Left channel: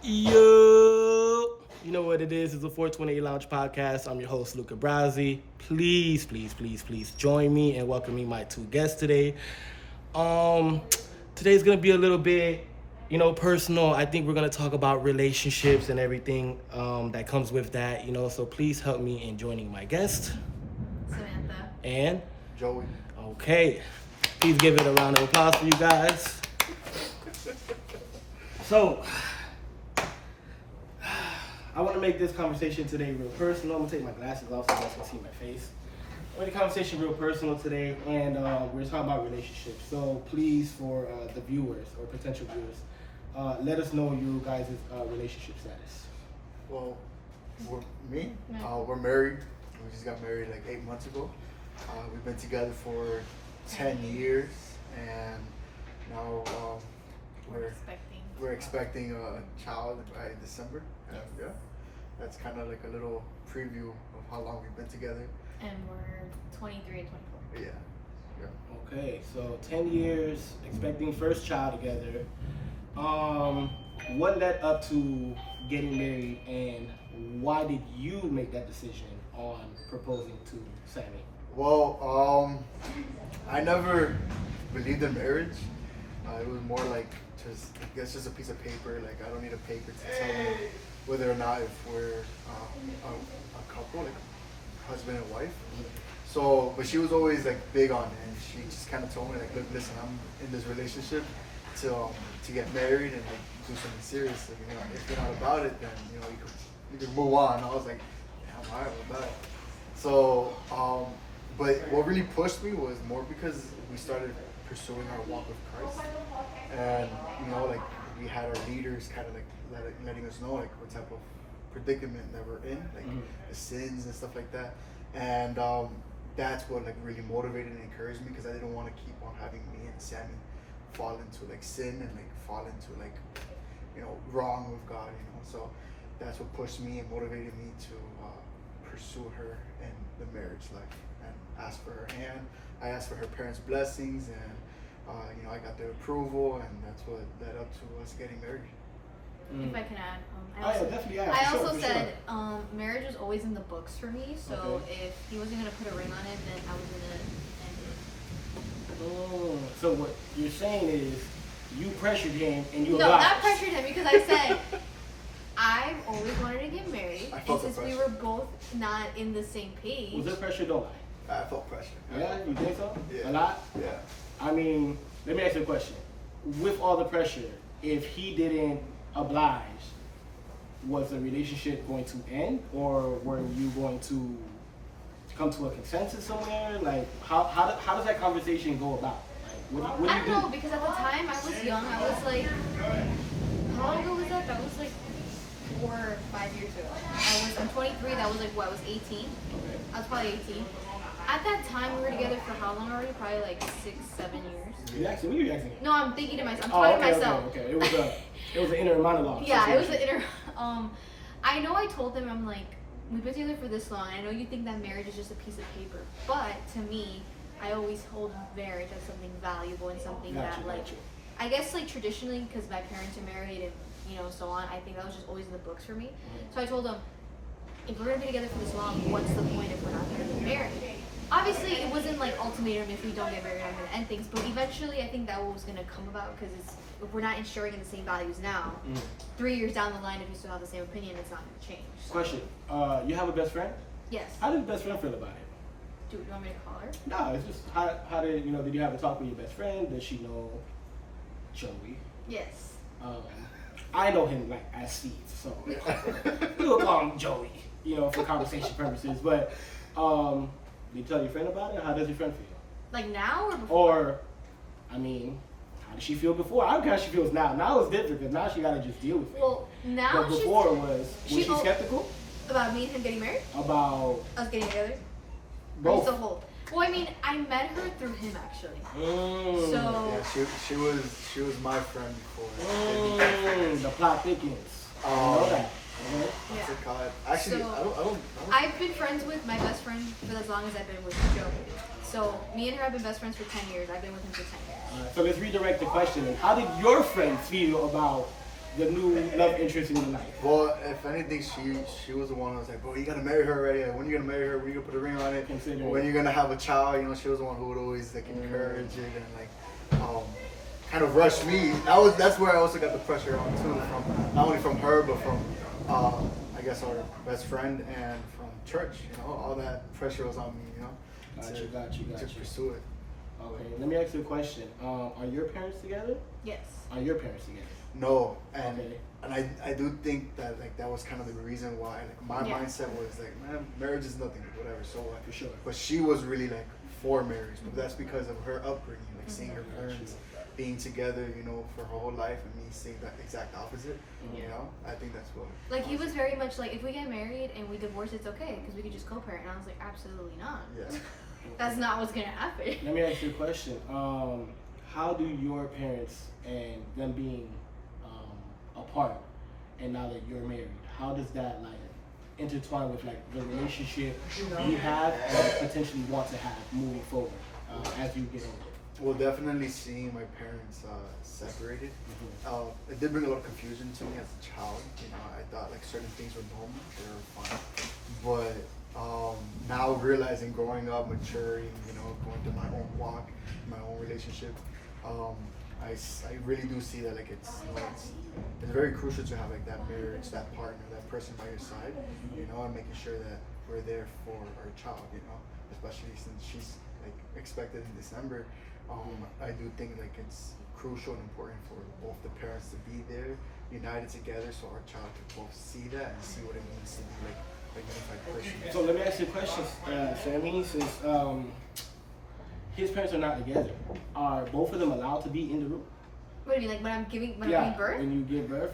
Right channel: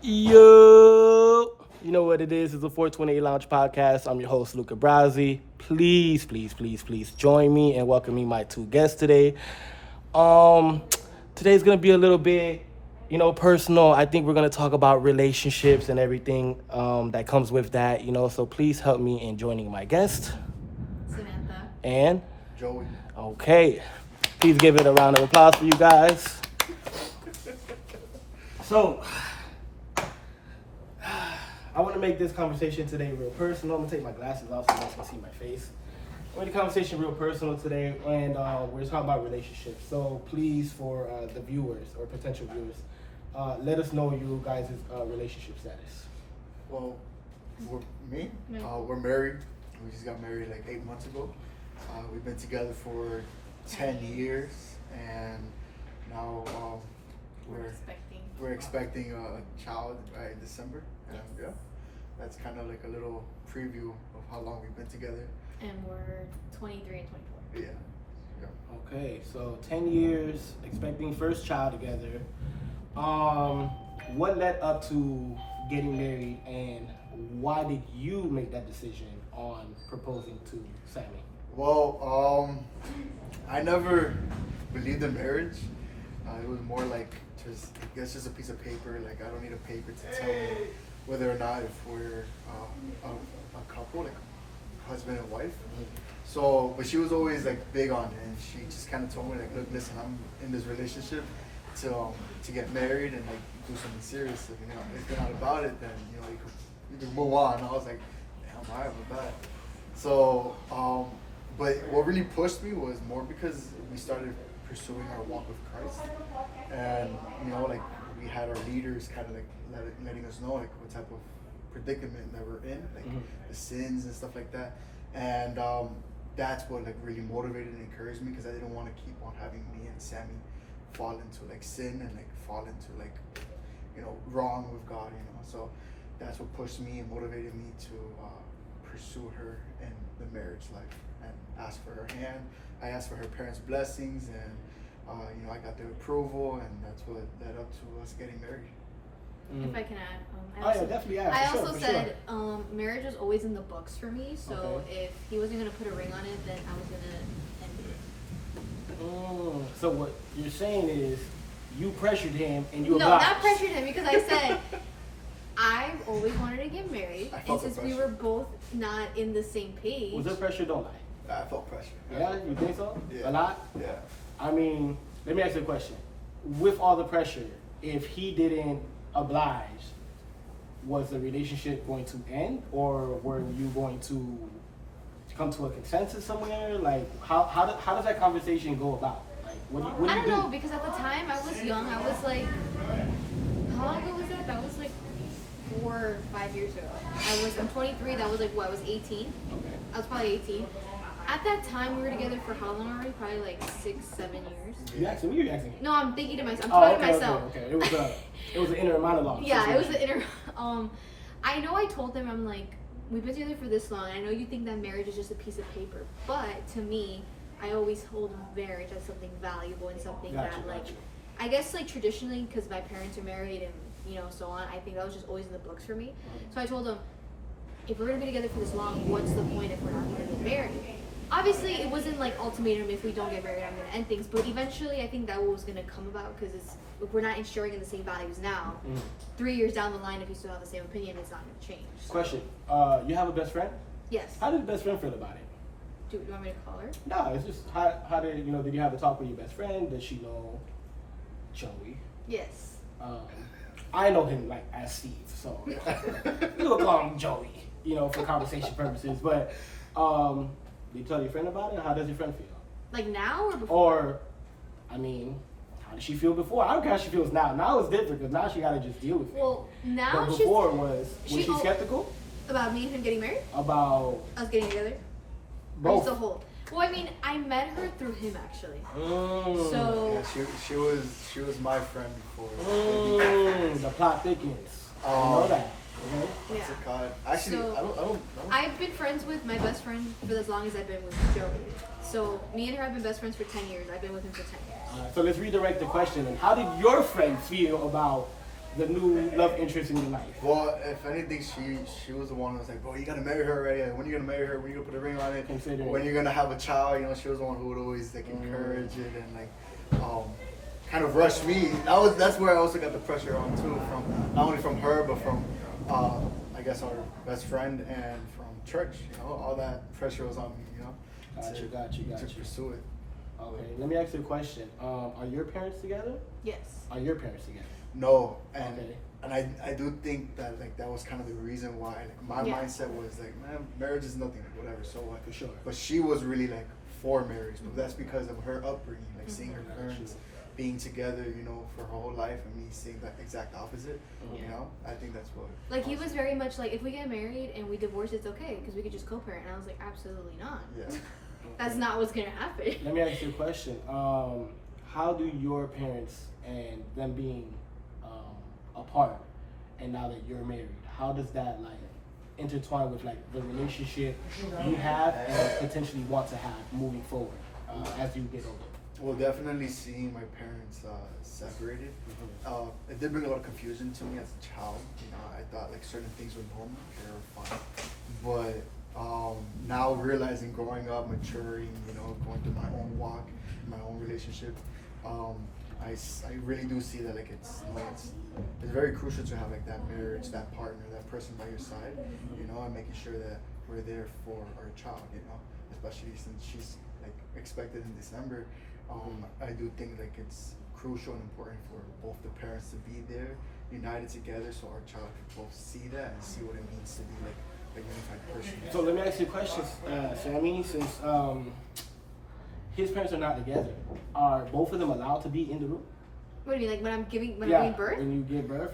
Yo, you know what it is? It's a 428 Lounge podcast. I'm your host, Luca Brasi. Please join me and welcome me my two guests today. Um, Today's gonna be a little bit, personal. I think we're gonna talk about relationships and everything that comes with that. So please help me in joining my guest Samantha. and Joey. okay. Please give it a round of applause for you guys. So, I want to make this conversation today real personal. I'm going to take my glasses off so you guys can see my face. I want the conversation real personal today, and we're talking about relationships. So, please, for the viewers or potential viewers, let us know you guys' relationship status. Well, we're married. We just got married like 8 months ago. We've been together for 10 years, and now we're expecting a child by December. And yeah, that's kind of like a little preview of how long we've been together. And we're 23 and 24. Yeah. Okay, so 10 years, expecting first child together. What led up to getting married, and why did you make that decision on proposing to Sammy? Well, I never believed in marriage. It was more like just a piece of paper. Like, I don't need a paper to tell me whether or not if we're a couple, like husband and wife. So, but she was always like big on it, and she just kind of told me like, look, listen, I'm in this relationship to get married and like do something serious. If you're not about it, then you can move on. And I was like, damn, alright with that. So, but what really pushed me was more because we started pursuing our walk with Christ, and like we had our leaders kind of like letting us know like what type of predicament that we're in, like the sins and stuff like that, and that's what like really motivated and encouraged me, because I didn't want to keep on having me and Sammy fall into like sin and like fall into like wrong with God, so that's what pushed me and motivated me to pursue her in the marriage life and ask for her hand. I asked for her parents' blessings, and I got their approval, and that's what led up to us getting married. If I can add, definitely. I also said marriage was always in the books for me. So if he wasn't gonna put a ring on it, then I was gonna end it. So what you're saying is you pressured him and you No, obliged. not pressured him, because I said I always wanted to get married, and since we were both not in the same page. Was there pressure? Don't lie. I felt pressure. Yeah, you think so? Yeah. A lot? Yeah. I mean, let me ask you a question. With all the pressure, if he didn't oblige, was the relationship going to end, or were you going to come to a consensus somewhere? Like, how does that conversation go about? Like, what do you I don't know, because at the time I was young. I was like, how long ago was that? That was like 4 or 5 years ago. I'm 23. That was like what? I was 18. Okay. I was probably 18. At that time, we were together for how long already? Probably like 6, 7 years. You asking? What are you asking? No, I'm thinking to myself. I'm talking to myself. Okay. It was an inner monologue. Yeah, it was an inner. I know I told them, I'm like, we've been together for this long. I know you think that marriage is just a piece of paper, but to me, I always hold marriage as something valuable and something that I guess like traditionally, because my parents are married and so on. I think that was just always in the books for me. So I told them, if we're gonna be together for this long, what's the point if we're not gonna get married? Obviously, it wasn't like ultimatum, if we don't get married, I'm gonna end things. But eventually, I think that was gonna come about, because if we're not sharing in the same values now, 3 years down the line, if you still have the same opinion, it's not gonna change. So. Question: you have a best friend? Yes. How did the best friend feel about it? Do you want me to call her? No, it's just how did did you have a talk with your best friend? Does she know Joey? Yes. I know him like as Steve, so we'll call him Joey, for conversation purposes. But did you tell your friend about it? How does your friend feel? Like now or before? Or, I mean, how did she feel before? I don't care how she feels now. Now it's different, because now she gotta just deal with it. Well, now but before was she skeptical about me and him getting married? About us getting together? Both. Or just the whole? Well, I mean, I met her through him actually. So yeah, she was my friend before. The plot thickens. I know that. Yeah. God. Actually, So, I don't know. I've been friends with my best friend for as long as I've been with Joey. So me and her have been best friends for 10 years. I've been with him for 10 years. So let's redirect the question. How did your friend feel about the new love interest in your life? Well, if anything, she was the one who was like, bro, you gotta marry her already. When you gonna marry her? When you gonna put a ring on it? Considering. When you're gonna have a child? You know, she was the one who would always like encourage it and like kind of rush me. That's where I also got the pressure on too, from not only from her but from I guess our best friend and from church. You know, all that pressure was on me. You know, Got to you. pursue it. Okay, let me ask you a question. Are your parents together? Yes. Are your parents together? No, and Okay. and I do think that like that was kind of the reason why like, my Yeah. mindset was like, man, marriage is nothing, whatever. So like, For sure. but she was really like for marriage, but that's because of her upbringing, like seeing her parents being together, you know, for her whole life, and me seeing that exact opposite. You Yeah. know, I think that's what. Like he was very much like, if we get married and we divorce, it's okay because we could just co-parent. And I was like, absolutely not. Yeah. That's not what's gonna happen. Let me ask you a question. How do your parents and them being apart, and now that you're married, how does that like intertwine with like the relationship you have and potentially want to have moving forward as you get older? Well, definitely seeing my parents separated, it did bring a lot of confusion to me as a child. You know, I thought like certain things were normal, they were fine, but now realizing, growing up, maturing, you know, going through my own walk, my own relationship, I really do see that like it's very crucial to have like that marriage, that partner, that person by your side, you know, and making sure that we're there for our child, you know, especially since she's like expected in December. I do think like it's crucial and important for both the parents to be there, united together, so our child can both see that and see what it means to be like a unified person. So let me ask you a question, Sammy. Since his parents are not together, are both of them allowed to be in the room? What do you mean, like when I'm giving birth? When you give birth,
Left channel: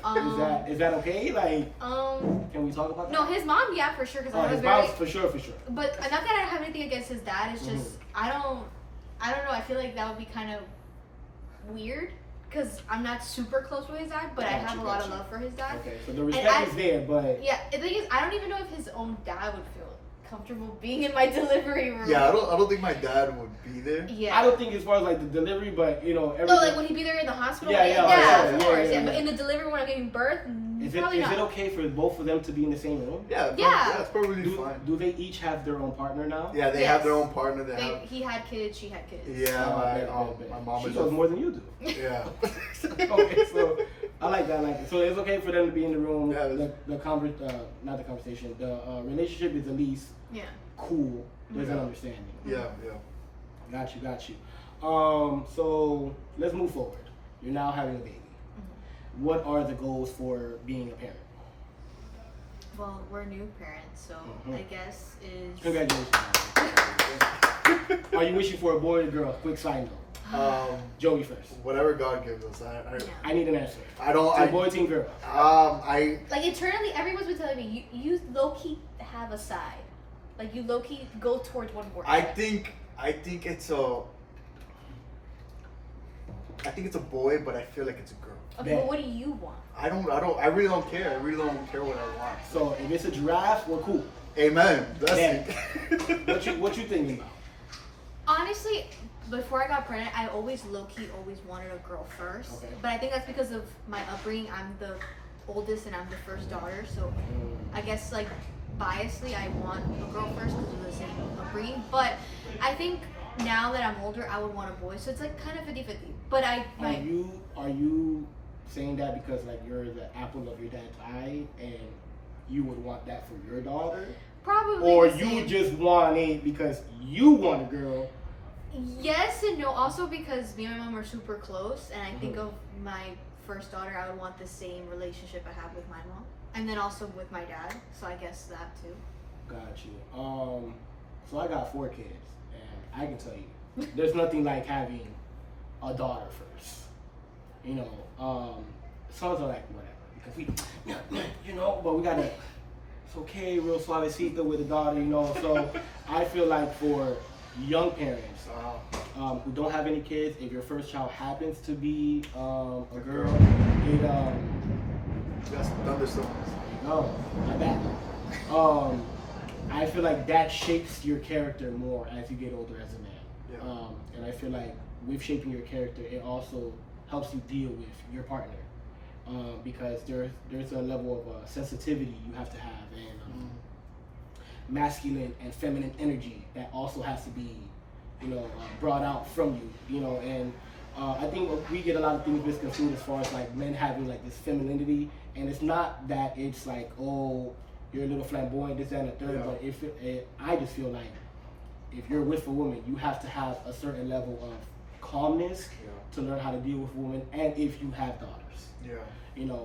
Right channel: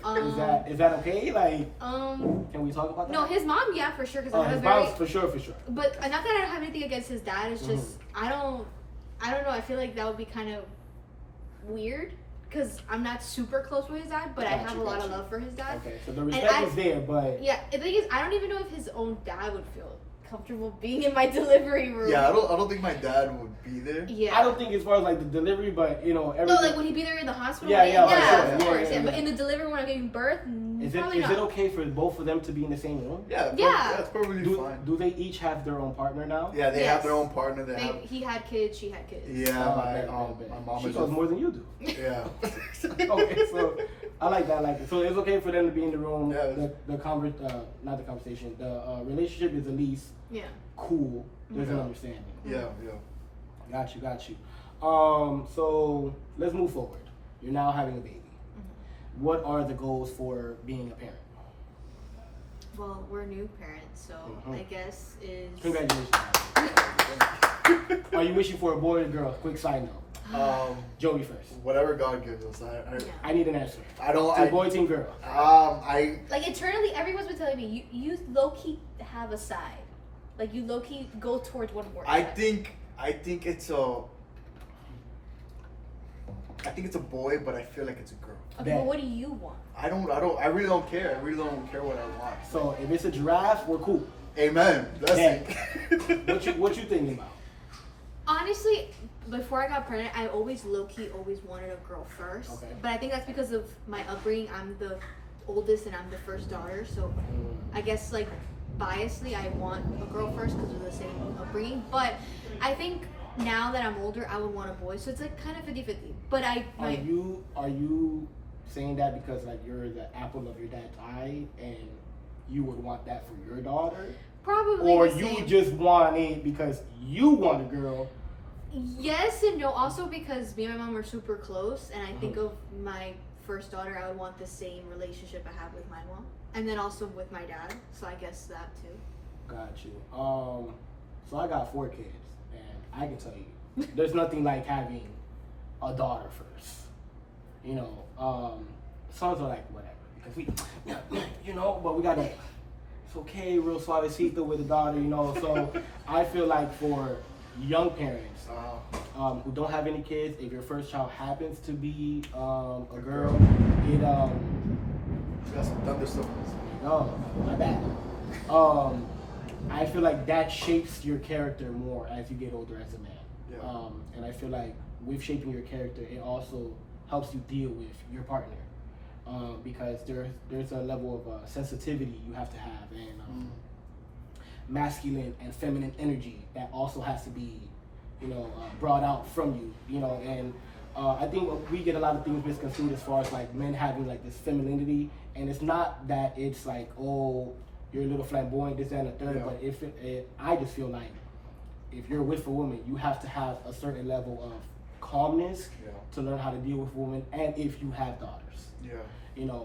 is that okay? Like, can we talk about that? No, his mom, yeah, for sure, because I his was very. mom's for sure. But not that I don't have anything against his dad. It's just I don't know. I feel like that would be kind of weird because I'm not super close with his dad, but I have a lot of love for his dad. Okay, so the respect is there, but yeah, the thing is, I don't even know if his own dad would feel comfortable being in my delivery room. Yeah, I don't think my dad would be there. Yeah. I don't think as far as like the delivery, but you know, everything. No, like would he be there in the hospital? Yeah, of course. yeah. But in the delivery when I'm giving birth, probably not. Is it okay for both of them to be in the same room? Yeah, it's probably fine. Do they each have their own partner now? Yeah, they have their own partner. He had kids, she had kids. Yeah, my mom she is knows more than you do. Yeah. Okay, so I like that. So it's okay for them to be in the room. Yeah, Not the conversation. The relationship is at least cool. There's an understanding. Yeah. Got you. So let's move forward. You're now having a baby. What are the goals for being a parent? Well, we're new parents, so I guess is. Congratulations. Are you wishing for a boy or a girl? Quick side note. Joey first. Whatever God gives us. I need an answer. Team boy, team girl. Like internally, everyone's been telling me you low key have a side, like you low key go towards one word. I think it's a boy, but I feel like it's a girl. Okay, well, what do you want? I really don't care. I really don't care what I want. So if it's a giraffe, we're cool. Amen. That's it. What you thinking about? Honestly, before I got pregnant, I always low-key always wanted a girl first. Okay. But I think that's because of my upbringing. I'm the oldest and I'm the first daughter. So I guess like biasly, I want a girl first because of the same upbringing. But I think now that I'm older, I would want a boy. So it's like kind of 50-50. But Are you saying that because like you're the apple of your dad's eye and you would want that for your daughter? Probably Or the same. you just want it because you want a girl? Yes and no. Also because me and my mom are super close, and I think of my first daughter, I would want the same relationship I have with my mom, and then also with my dad. So I guess that too. Got you. So I got 4 kids, and I can tell you, there's nothing like having a daughter first. You know, sons are like whatever because but we got to. It's okay, real suavecito with a daughter, you know. So I feel like for young parents who don't have any kids, if your first child happens to be a girl, That's thunderstorms. no, not bad. I feel like that shapes your character more as you get older as a man. Yeah. And I feel like with shaping your character, it also helps you deal with your partner. because there's a level of sensitivity you have to have, and masculine and feminine energy that also has to be, brought out from you, and I think we get a lot of things misconstrued as far as like men having like this femininity, and it's not that it's like, oh, you're a little flamboyant, this, that, and the third, but I just feel like if you're with a woman, you have to have a certain level of calmness to learn how to deal with women, and if you have daughters.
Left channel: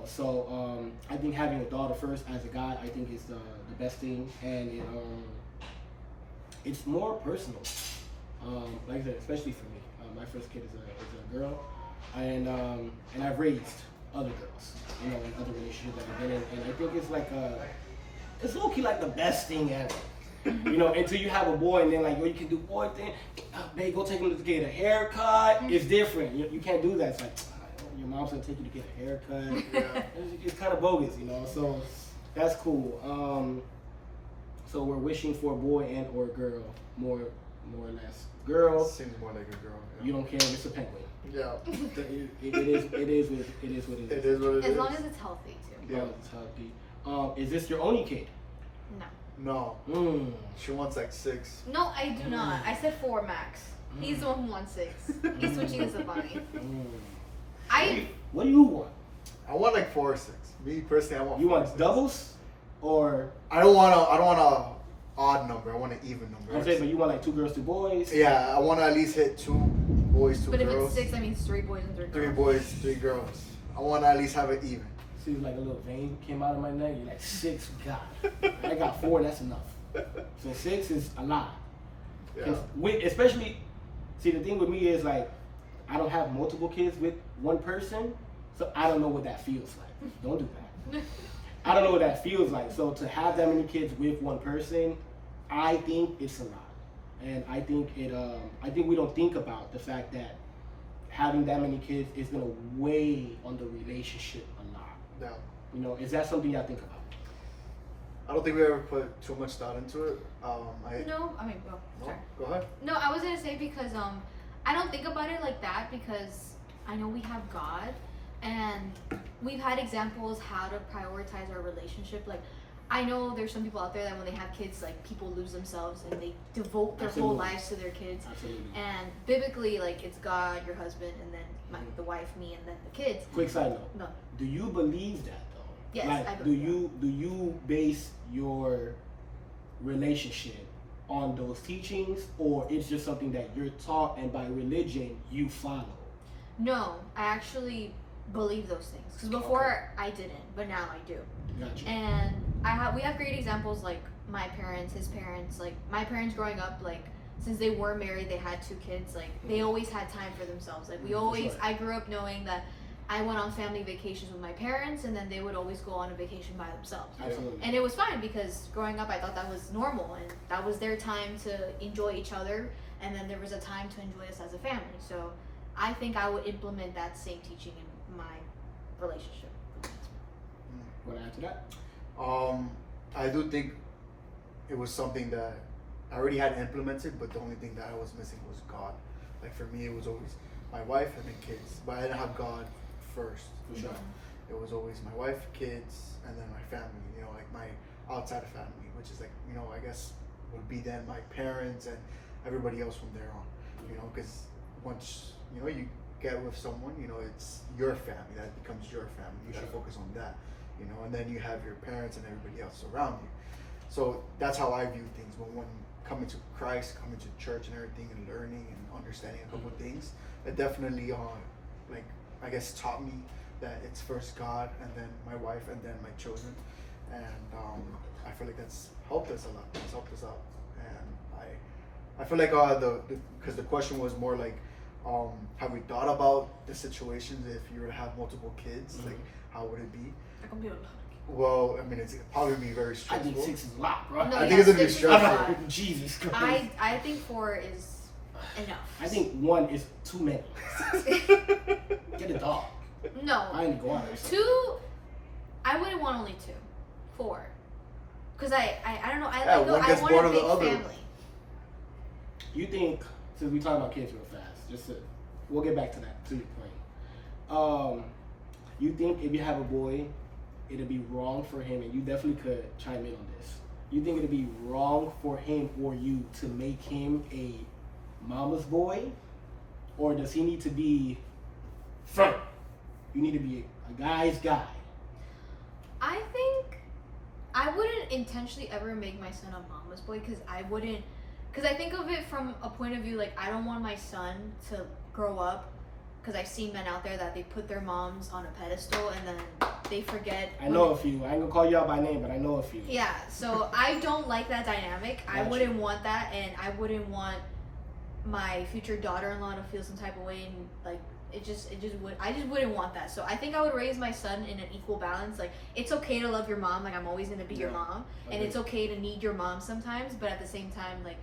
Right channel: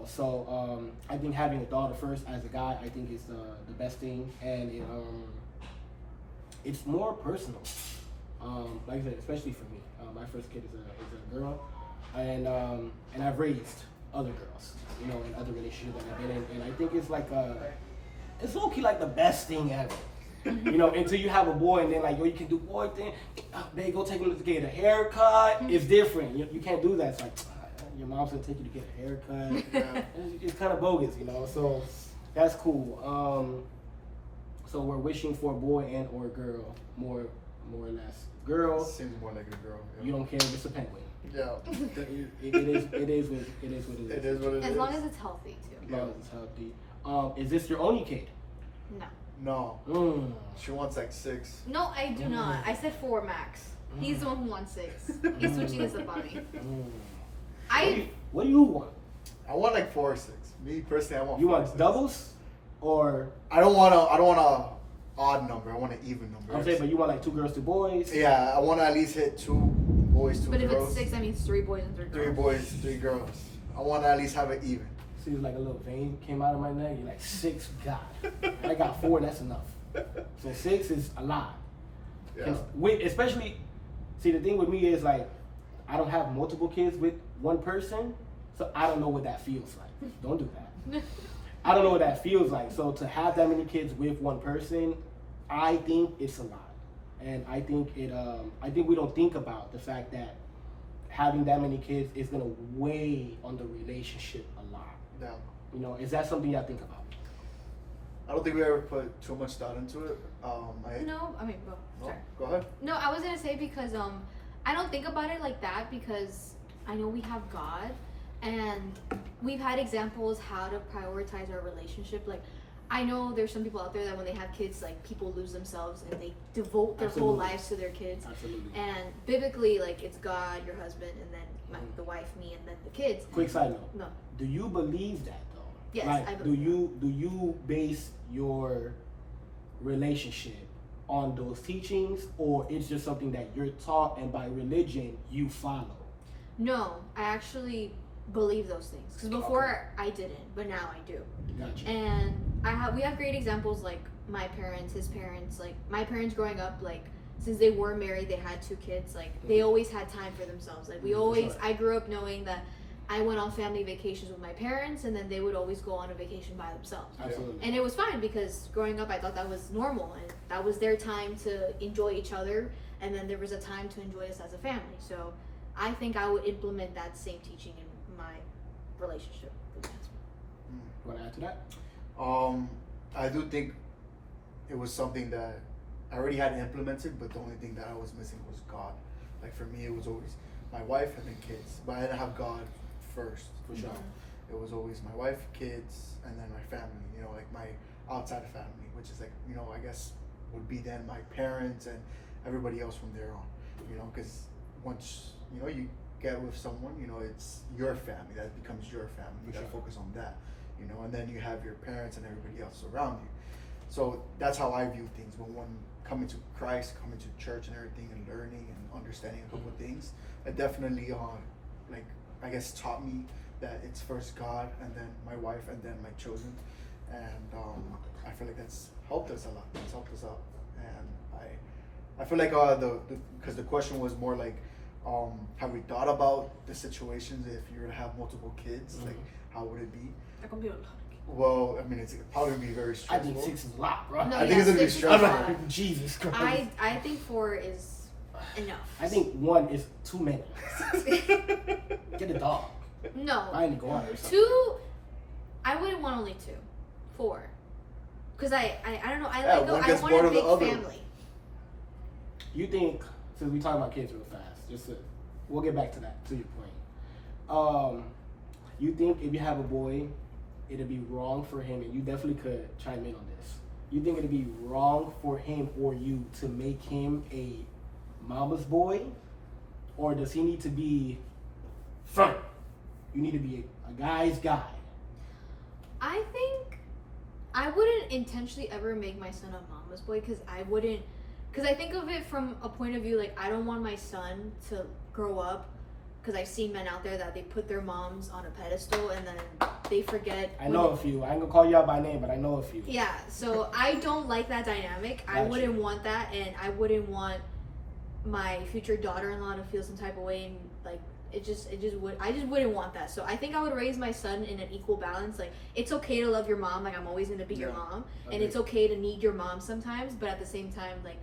So I think having a daughter first as a guy, I think is the best thing, and it's more personal. Like I said, especially for me, my first kid is a girl, and I've raised other girls, in other relationships that I've been in, and I think it's like it's low-key like the best thing ever. Until you have a boy, and then like, you can do boy thing. Babe, go take him to get a haircut. It's different. You can't do that. It's like, your mom's gonna take you to get a haircut. It's kind of bogus, So that's cool. So we're wishing for a boy and or a girl, more or less. Girl seems more like a girl. Yeah. You don't care if it's a penguin. Yeah. It is what it is. It is what it is. As long as it's healthy too. As long as it's healthy. Is this your only kid? No. No. She wants like 6. No, I do not. I said 4 max. He's the one who wants 6. He's switching us up on me. What do you want? I want like 4 or 6. Me personally, I want. You 4 or want 6. doubles, or I don't want a odd number. I want an even number. I'm saying, but you want like 2 girls, 2 boys. Yeah, I want to at least hit 2 boys, 2 but girls. But if it's 6, that means 3 boys and 3 girls. 3 boys, 3 girls. I want to at least have it even. See, like a little vein came out of my neck. You're like, 6, God. I got 4, that's enough. So 6 is a lot. Yeah. Especially, see, the thing with me is like, I don't have multiple kids with one person, so I don't know what that feels like. Don't do that. I don't know what that feels like. So to have that many kids with one person, I think it's a lot. And I think I think we don't think about the fact that having that many kids is gonna weigh on the relationship a lot. Yeah. Is that something y'all think about? I don't think we ever put too much thought into it. No, I mean, well, sorry. Go ahead. No, I was gonna say because I don't think about it like that because I know we have God, and we've had examples how to prioritize our relationship. Like, I know there's some people out there that when they have kids, like, people lose themselves and they devote their whole lives to their kids. Absolutely. And biblically, like, it's God, your husband, and then the wife, me, and then the kids. Quick side note. No. Do you believe that though? Yes, like, I believe do you base your relationship on those teachings, or it's just something that you're taught and by religion you follow? No, I actually believe those things because before I didn't, but now I do. Gotcha. And we have great examples like my parents, his parents, like my parents growing up, like since they were married, they had 2 kids, like they always had time for themselves. Like we always, I grew up knowing that I went on family vacations with my parents, and then they would always go on a vacation by themselves. Absolutely. And it was fine because growing up, I thought that was normal, and that was their time to enjoy each other, and then there was a time to enjoy us as a family. So I think I would implement that same teaching in my relationship with my husband. Want to add to that? I do think it was something that I already had implemented, but the only thing that I was missing was God. Like for me, it was always my wife and then kids, but I didn't have God first. For sure. It was always my wife, kids, and then my family. Like my outside family, which is like I guess would be then my parents and everybody else from there on. Because once you get with someone, it's your family. That becomes your family. You gotta focus on that. And then you have your parents and everybody else around you. So that's how I view things. When one coming to Christ, coming to church and everything, and learning and understanding a couple of things, it definitely I guess taught me that it's first God and then my wife and then my children, and I feel like that's helped us a lot. It's helped us out, and I feel like because the question was more like, have we thought about the situations if you were to have multiple kids, like how would it be? Well, I mean, it's probably be very I stressful. think 6 is a lot, bro. No, I think it's gonna be 6 is a stressful. lot. Jesus Christ. I think 4 is enough. I think 1 is too many. Get a dog. No. I ain't going. 2, I wouldn't want only 2. 4. Because I don't know, I one gets want bored a of the big other. family. You think, since we talking about kids real fast, we'll get back to that, to your point. You think if you have a boy, it'd be wrong for him, and you definitely could chime in on this. You think it'd be wrong for him or you to make him a mama's boy, or does he need to be front? You need to be a guy's guy. I think I wouldn't intentionally ever make my son a mama's boy because I think of it from a point of view like I don't want my son to grow up, because I've seen men out there that they put their moms on a pedestal and then they forget. I know a few. I ain't gonna call you out by name, but I know a few. Yeah, so I don't like that dynamic. I wouldn't want that, and I wouldn't want my future daughter-in-law to feel some type of way, and like I just wouldn't want that. So I think I would raise my son in an equal balance. Like, it's okay to love your mom, like I'm always gonna be your mom, and it's okay to need your mom sometimes, but at the same time, like,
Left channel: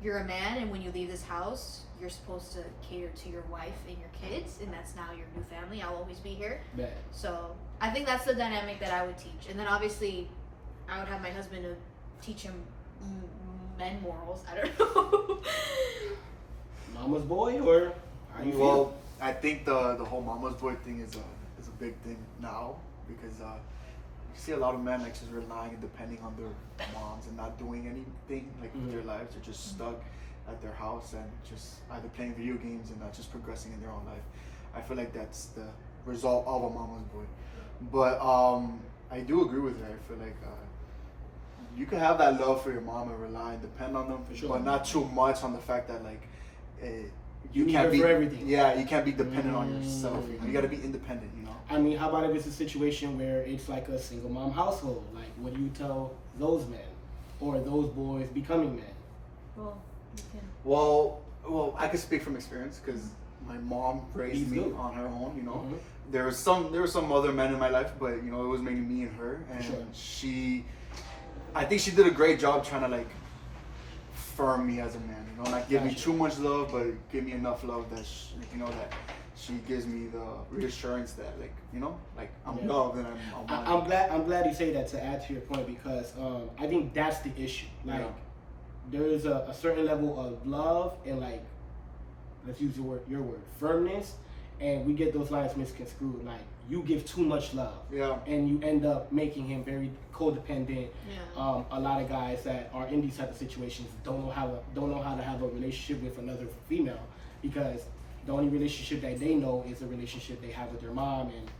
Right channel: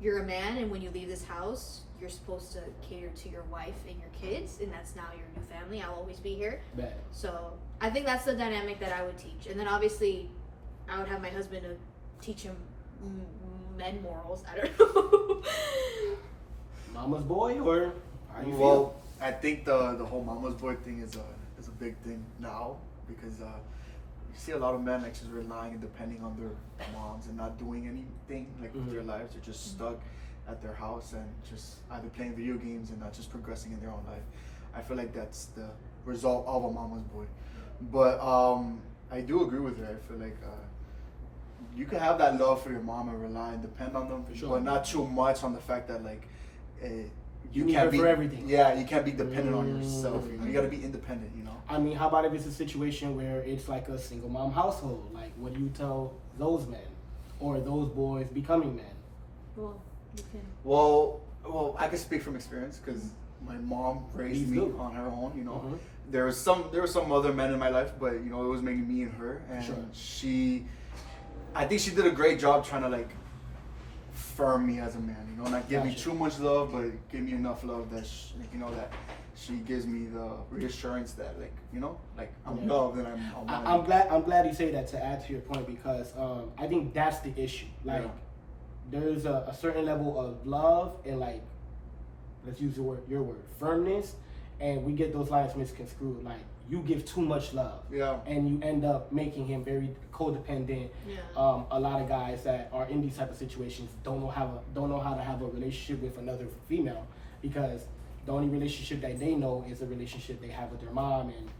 you're a man, and when you leave this house, you're supposed to cater to your wife and your kids, and that's now your new family. I'll always be here. Bad. So I think that's the dynamic that I would teach, and then obviously I would have my husband to teach him men morals. I don't know. Mama's boy, or how you Well, I think the whole mama's boy thing is a big thing now, because you see a lot of men like just relying and depending on their moms and not doing anything like with their lives. They're just stuck at their house and just either playing video games and not just progressing in their own life. I feel like that's the result of a mama's boy. But I do agree with her. I feel like you can have that love for your mom and rely and depend on them, but not too much on the fact that like You need can't her be for everything. Yeah, you can't be dependent on yourself. You know? You got to be independent. You know. I mean, how about if it's a situation where it's like a single mom household? Like, what do you tell those men or those boys becoming men? Well, you can. Well, I can speak from experience because my mom raised me on her own. You know, there were some other men in my life, but you know, it was mainly me and her, and I think she did a great job trying to like firm me as a man. You know, not give me too much love, but give me enough love that that she gives me the reassurance that like like I'm loved and I'm glad you say that, to add to your point, because I think that's the issue. Like, there's a certain level of love and, like, let's use your word, firmness, and we get those lines misconstrued. Like, you give too much love, and you end up making him very codependent. A lot of guys that are in these type of situations don't know how to have a relationship with another female, because the only relationship that they know is the relationship they have with their mom and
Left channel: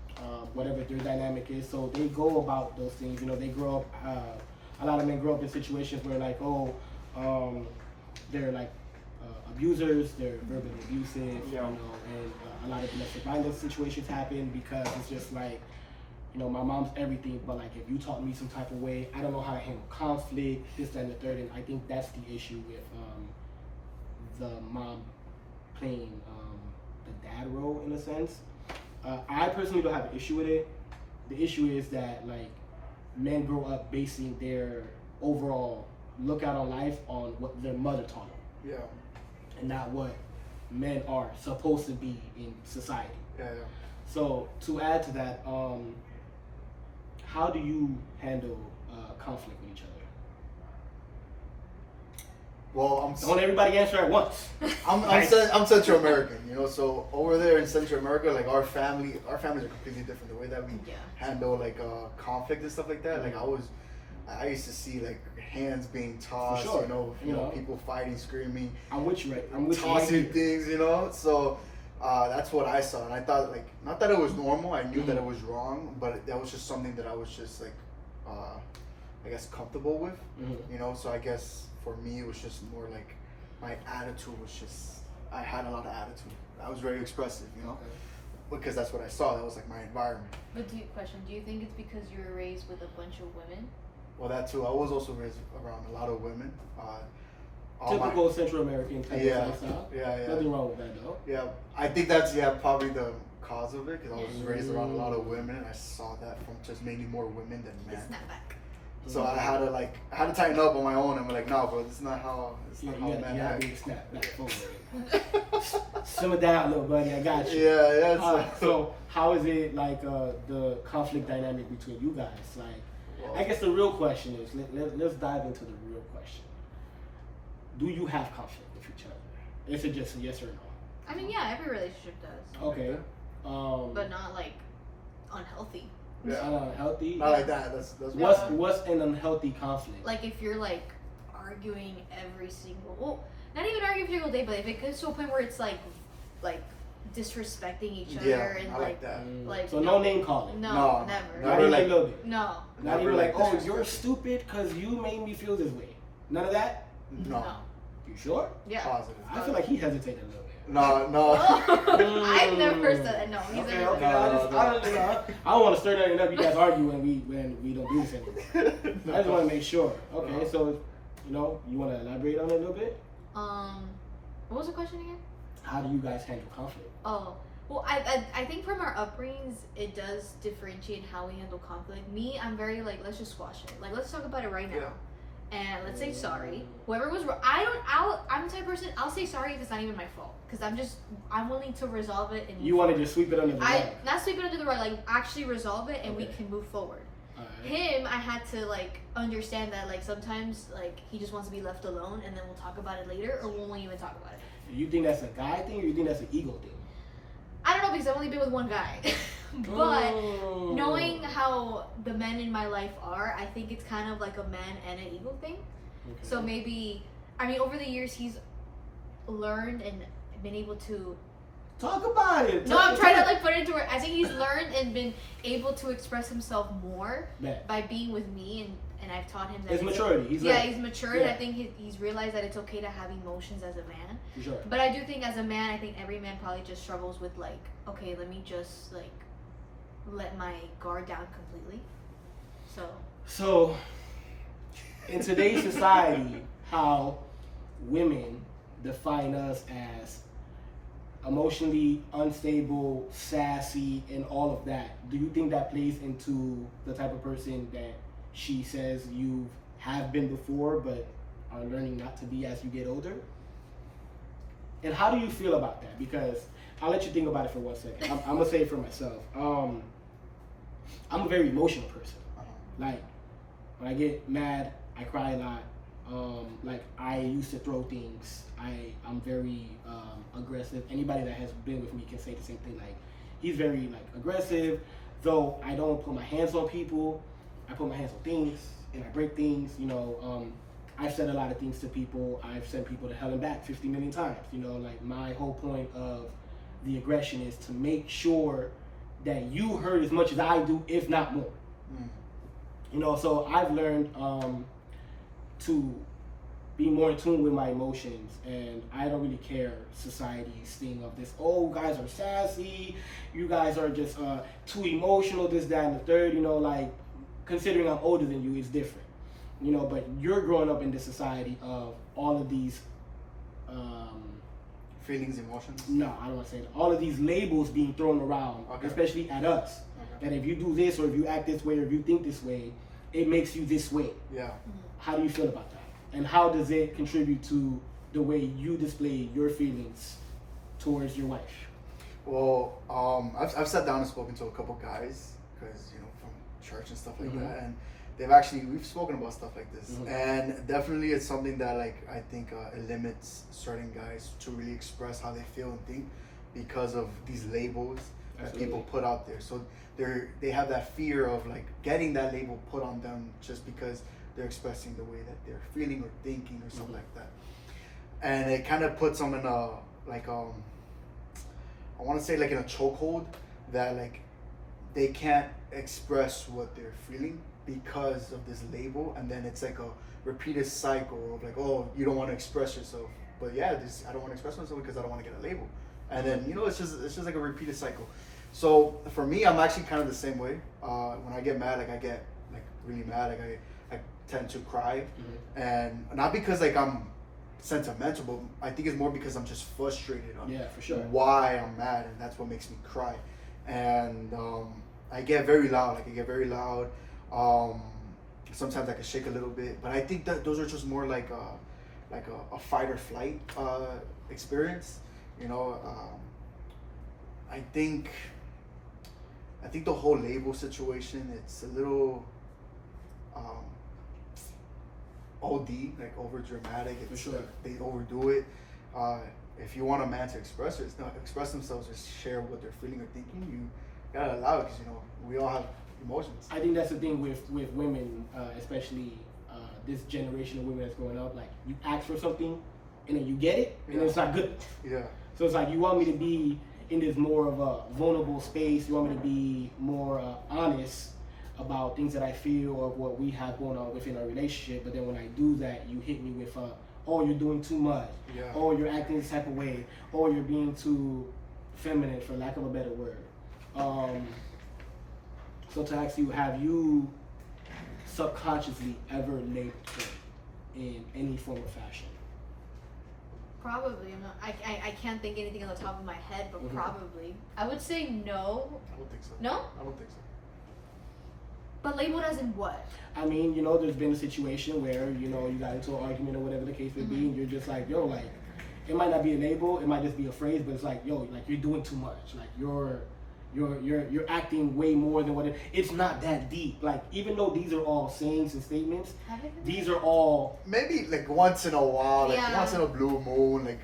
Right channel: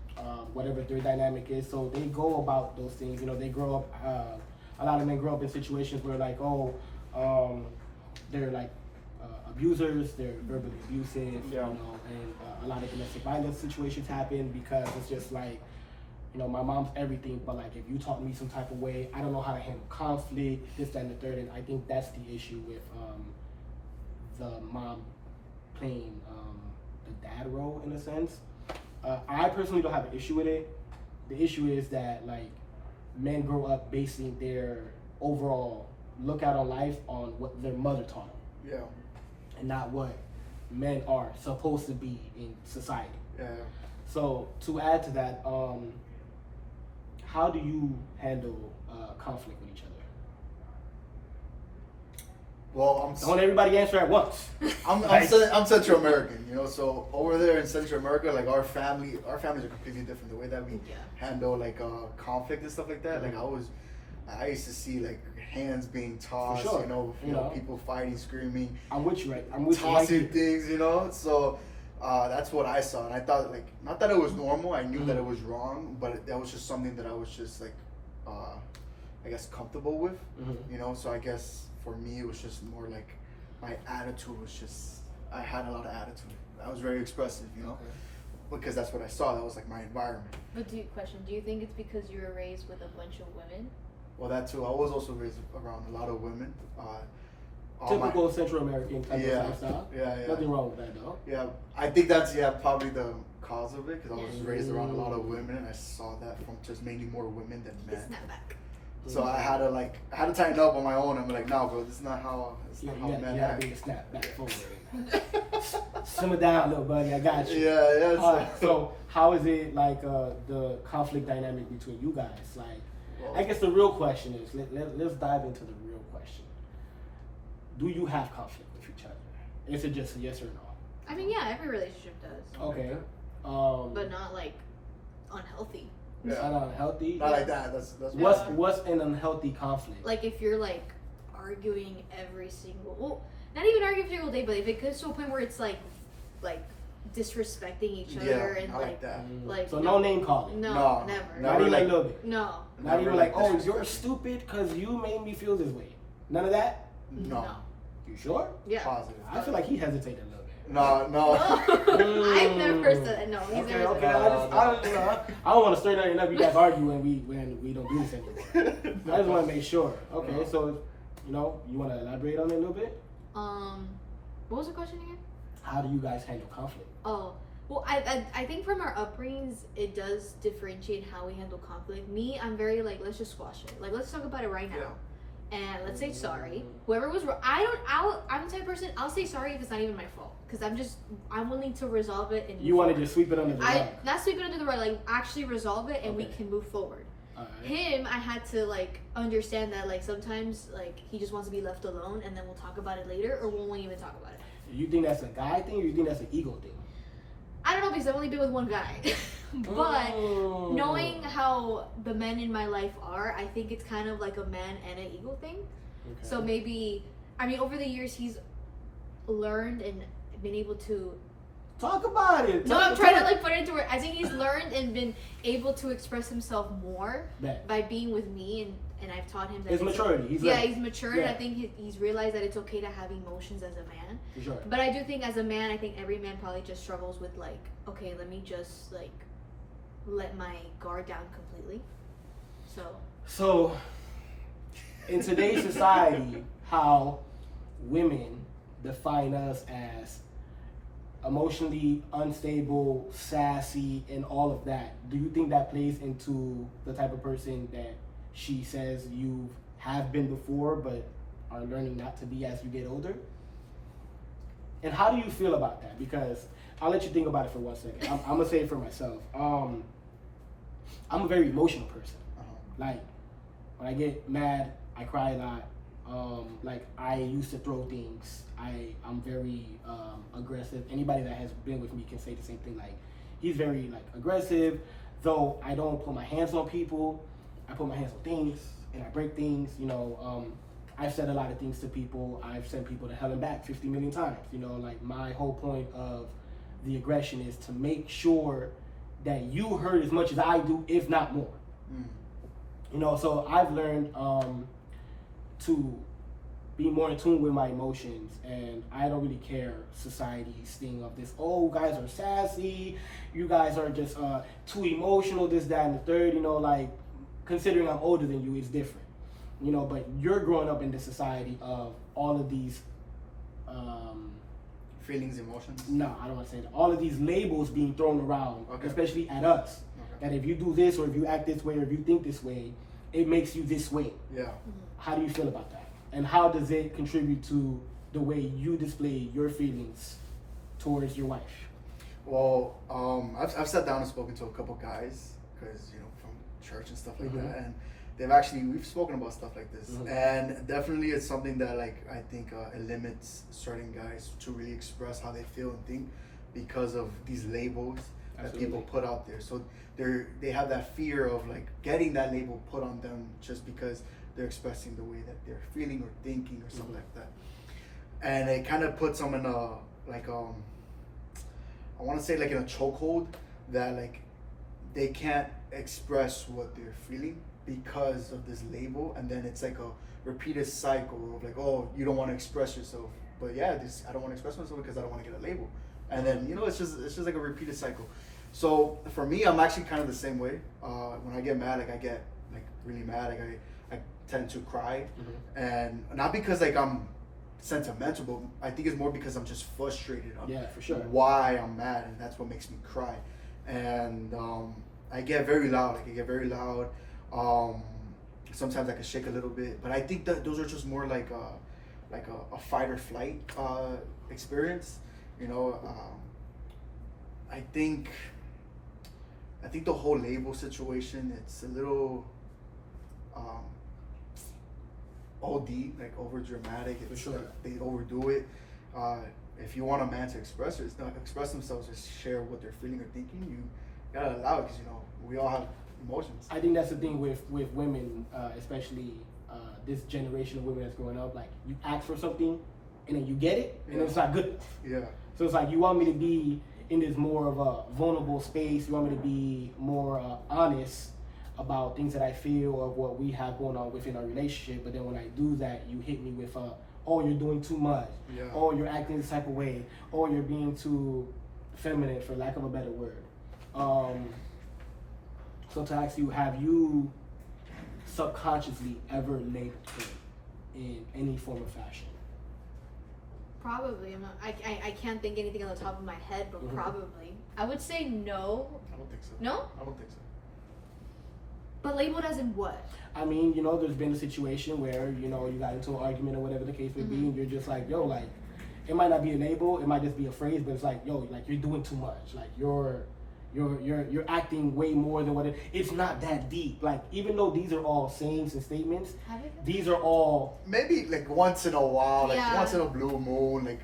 whatever their dynamic is. So they go about those things. You know, they grow up. A lot of men grow up in situations where like, they're like abusers, they're verbally abusive, you know, and a lot of domestic violence situations happen because it's just like, you know, my mom's everything, but like if you taught me some type of way, I don't know how to handle conflict, this, that, and the third, and I think that's the issue with the mom playing the dad role in a sense. I personally don't have an issue with it. The issue is that like men grow up basing their overall lookout on life on what their mother taught them. Yeah. And not what men are supposed to be in society. Yeah. So to add to that, how do you handle conflict with each other? Well, don't everybody answer at once. I'm Central American, you know. So over there in Central America, like our families are completely different. The way that we handle like conflict and stuff like that. Like I used to see like hands being tossed, you know, people fighting, screaming. I'm with you, right? I'm with tossing you. things, you know. So that's what I saw, and I thought like not that it was normal. I knew that it was wrong, but that was just something that I was just like, I guess comfortable with, you know. So I guess for me it was just more like my attitude was just I had a lot of attitude. I was very expressive, you know. Because that's what I saw. That was like my environment. But do you think it's because you were raised with a bunch of women? Well, that too. I was also raised around a lot of women. Typical Central American type of lifestyle. Yeah. Nothing wrong with that, though. Yeah, I think that's probably the cause of it, because I was raised around a lot of women, and I saw that from just mainly more women than men. Snap back. So I had to tighten up on my own. I'm like, no, bro, it's not how men act. Yeah, snap back forward. Simmer down, little buddy. I got you. Yeah. So how is it like the conflict dynamic between you guys? Like, I guess the real question is, let's dive into the real question. Do you have conflict with each other? Is it just a yes or no? I mean, yeah, every relationship does. Okay. But not like unhealthy. Yeah. Unhealthy. Not like that. That's What's an unhealthy conflict? Like if you're like arguing every single, well, not even arguing every single day, but if it gets to a point where it's like disrespecting each other and I like that. like So no name calling. No, No, never. Not even like a little bit. No. Not Never even like, oh, disrespecting. you're stupid because you made me feel this way. None of that. No. You sure? Yeah. Positive. I feel like he hesitated a little bit. No. I've never said that. No, he's Okay, never okay. said that. I don't want to stir nothing up. You guys argue when we don't do this anymore. I just want to make sure. Okay, so you want to elaborate on it a little bit? What was the question again? How do you guys handle conflict? Oh, well, I think from our upbringings, it does differentiate how we handle conflict. Me, I'm very like, let's just squash it. Like, let's talk about it right now. And let's say sorry. Whoever was wrong, I'm the type of person, I'll say sorry if it's not even my fault. Because I'm willing to resolve it and You want to just sweep it under the rug? not sweep it under the rug, like actually resolve it and we Okay. can move forward. Alright. Him, I had to like understand that like sometimes like he just wants to be left alone and then we'll talk about it later or we won't even talk about it. You think that's a guy thing or you think that's an ego thing? I don't know because I've only been with one guy. But Oh. knowing how the men in my life are, I think it's kind of like a man and an ego thing. Okay. So maybe, I mean, over the years, he's learned and been able to. Talk about it. No, I'm trying to like put it into words. I think he's learned and been able to express himself more Bet. by being with me, and I've taught him that. His it's maturity. He's yeah, like, he's matured. yeah. I think he's realized that it's okay to have emotions as a man. for sure. But I do think as a man, I think every man probably just struggles with like, okay, let me just like let my guard down completely. So in today's society, how women define us as emotionally unstable, sassy, and all of that, do you think that plays into the type of person that she says you have been before but are learning not to be as you get older? And how do you feel about that? Because I'll let you think about it for 1 second. I'm gonna say it for myself. I'm a very emotional person. Like, when I get mad, I cry a lot. Like, I used to throw things. I'm very aggressive. Anybody that has been with me can say the same thing. Like, he's very like aggressive. Though I don't put my hands on people, I put my hands on things and I break things. I've said a lot of things to people. I've sent people to hell and back 50 million times. Like my whole point of the aggression is to make sure that you hurt as much as I do, if not more. So I've learned to be more in tune with my emotions, and I don't really care society's thing of this, oh, guys are sassy, you guys are just too emotional, this, that, and the third, like, considering I'm older than you, it's different, but you're growing up in the society of all of these, Feelings, emotions. no, I don't want to say that, all of these labels being thrown around, Okay. especially at us, that if you do this, or if you act this way, or if you think this way, it makes you this way. Yeah. How do you feel about that? And how does it contribute to the way you display your feelings towards your wife? Well, I've sat down and spoken to a couple guys, because from church and stuff like Mhm. that, and we've spoken about stuff like this, Mhm. and definitely it's something that like I think it limits certain guys to really express how they feel and think because of these labels that people Absolutely. put out there. So they have that fear of like getting that label put on them just because they're expressing the way that they're feeling or thinking or something like that, and it kind of puts them in a like I want to say like in a chokehold that like they can't express what they're feeling because of this label, and then it's like a repeated cycle of like, oh, you don't want to express yourself, but yeah, I don't want to express myself because I don't want to get a label, and then it's just like a repeated cycle. So for me, I'm actually kind of the same way. When I get mad, like I get like really mad, like I tend to cry, and not because like I'm sentimental, but I think it's more because I'm just frustrated on Yeah, for sure. why I'm mad, and that's what makes me cry. And I get very loud. Like I get very loud. Sometimes I can shake a little bit, but I think that those are just more like a fight or flight experience. I think the whole label situation, it's a little OD, like over dramatic. For sure. Like, they overdo it. If you want a man to express themselves or share what they're feeling or thinking, you gotta allow it because we all have emotions. I think that's the thing with women, especially this generation of women that's growing up. Like, you ask for something, and then you get it, and it's not good. Yeah. So it's like, you want me to be in this more of a vulnerable space. You want me to be more honest about things that I feel or what we have going on within our relationship. But then when I do that, you hit me with, oh, you're doing too much. Yeah. Oh, you're acting this type of way. Oh, you're being too feminine, for lack of a better word. So to ask you, have you subconsciously ever labeled him in any form of fashion? Probably. I can't think anything on the top of my head, but probably. I would say no. I don't think so. No? I don't think so. But labeled as in what? I mean, there's been a situation where, you got into an argument or whatever the case may be, and you're just like, yo, like, it might not be a label, it might just be a phrase, but it's like, yo, like, you're doing too much. Like, you're acting way more than what it's not that deep. Like, even though these are all sayings and statements, these are all maybe like once in a while, like once in a blue moon, like.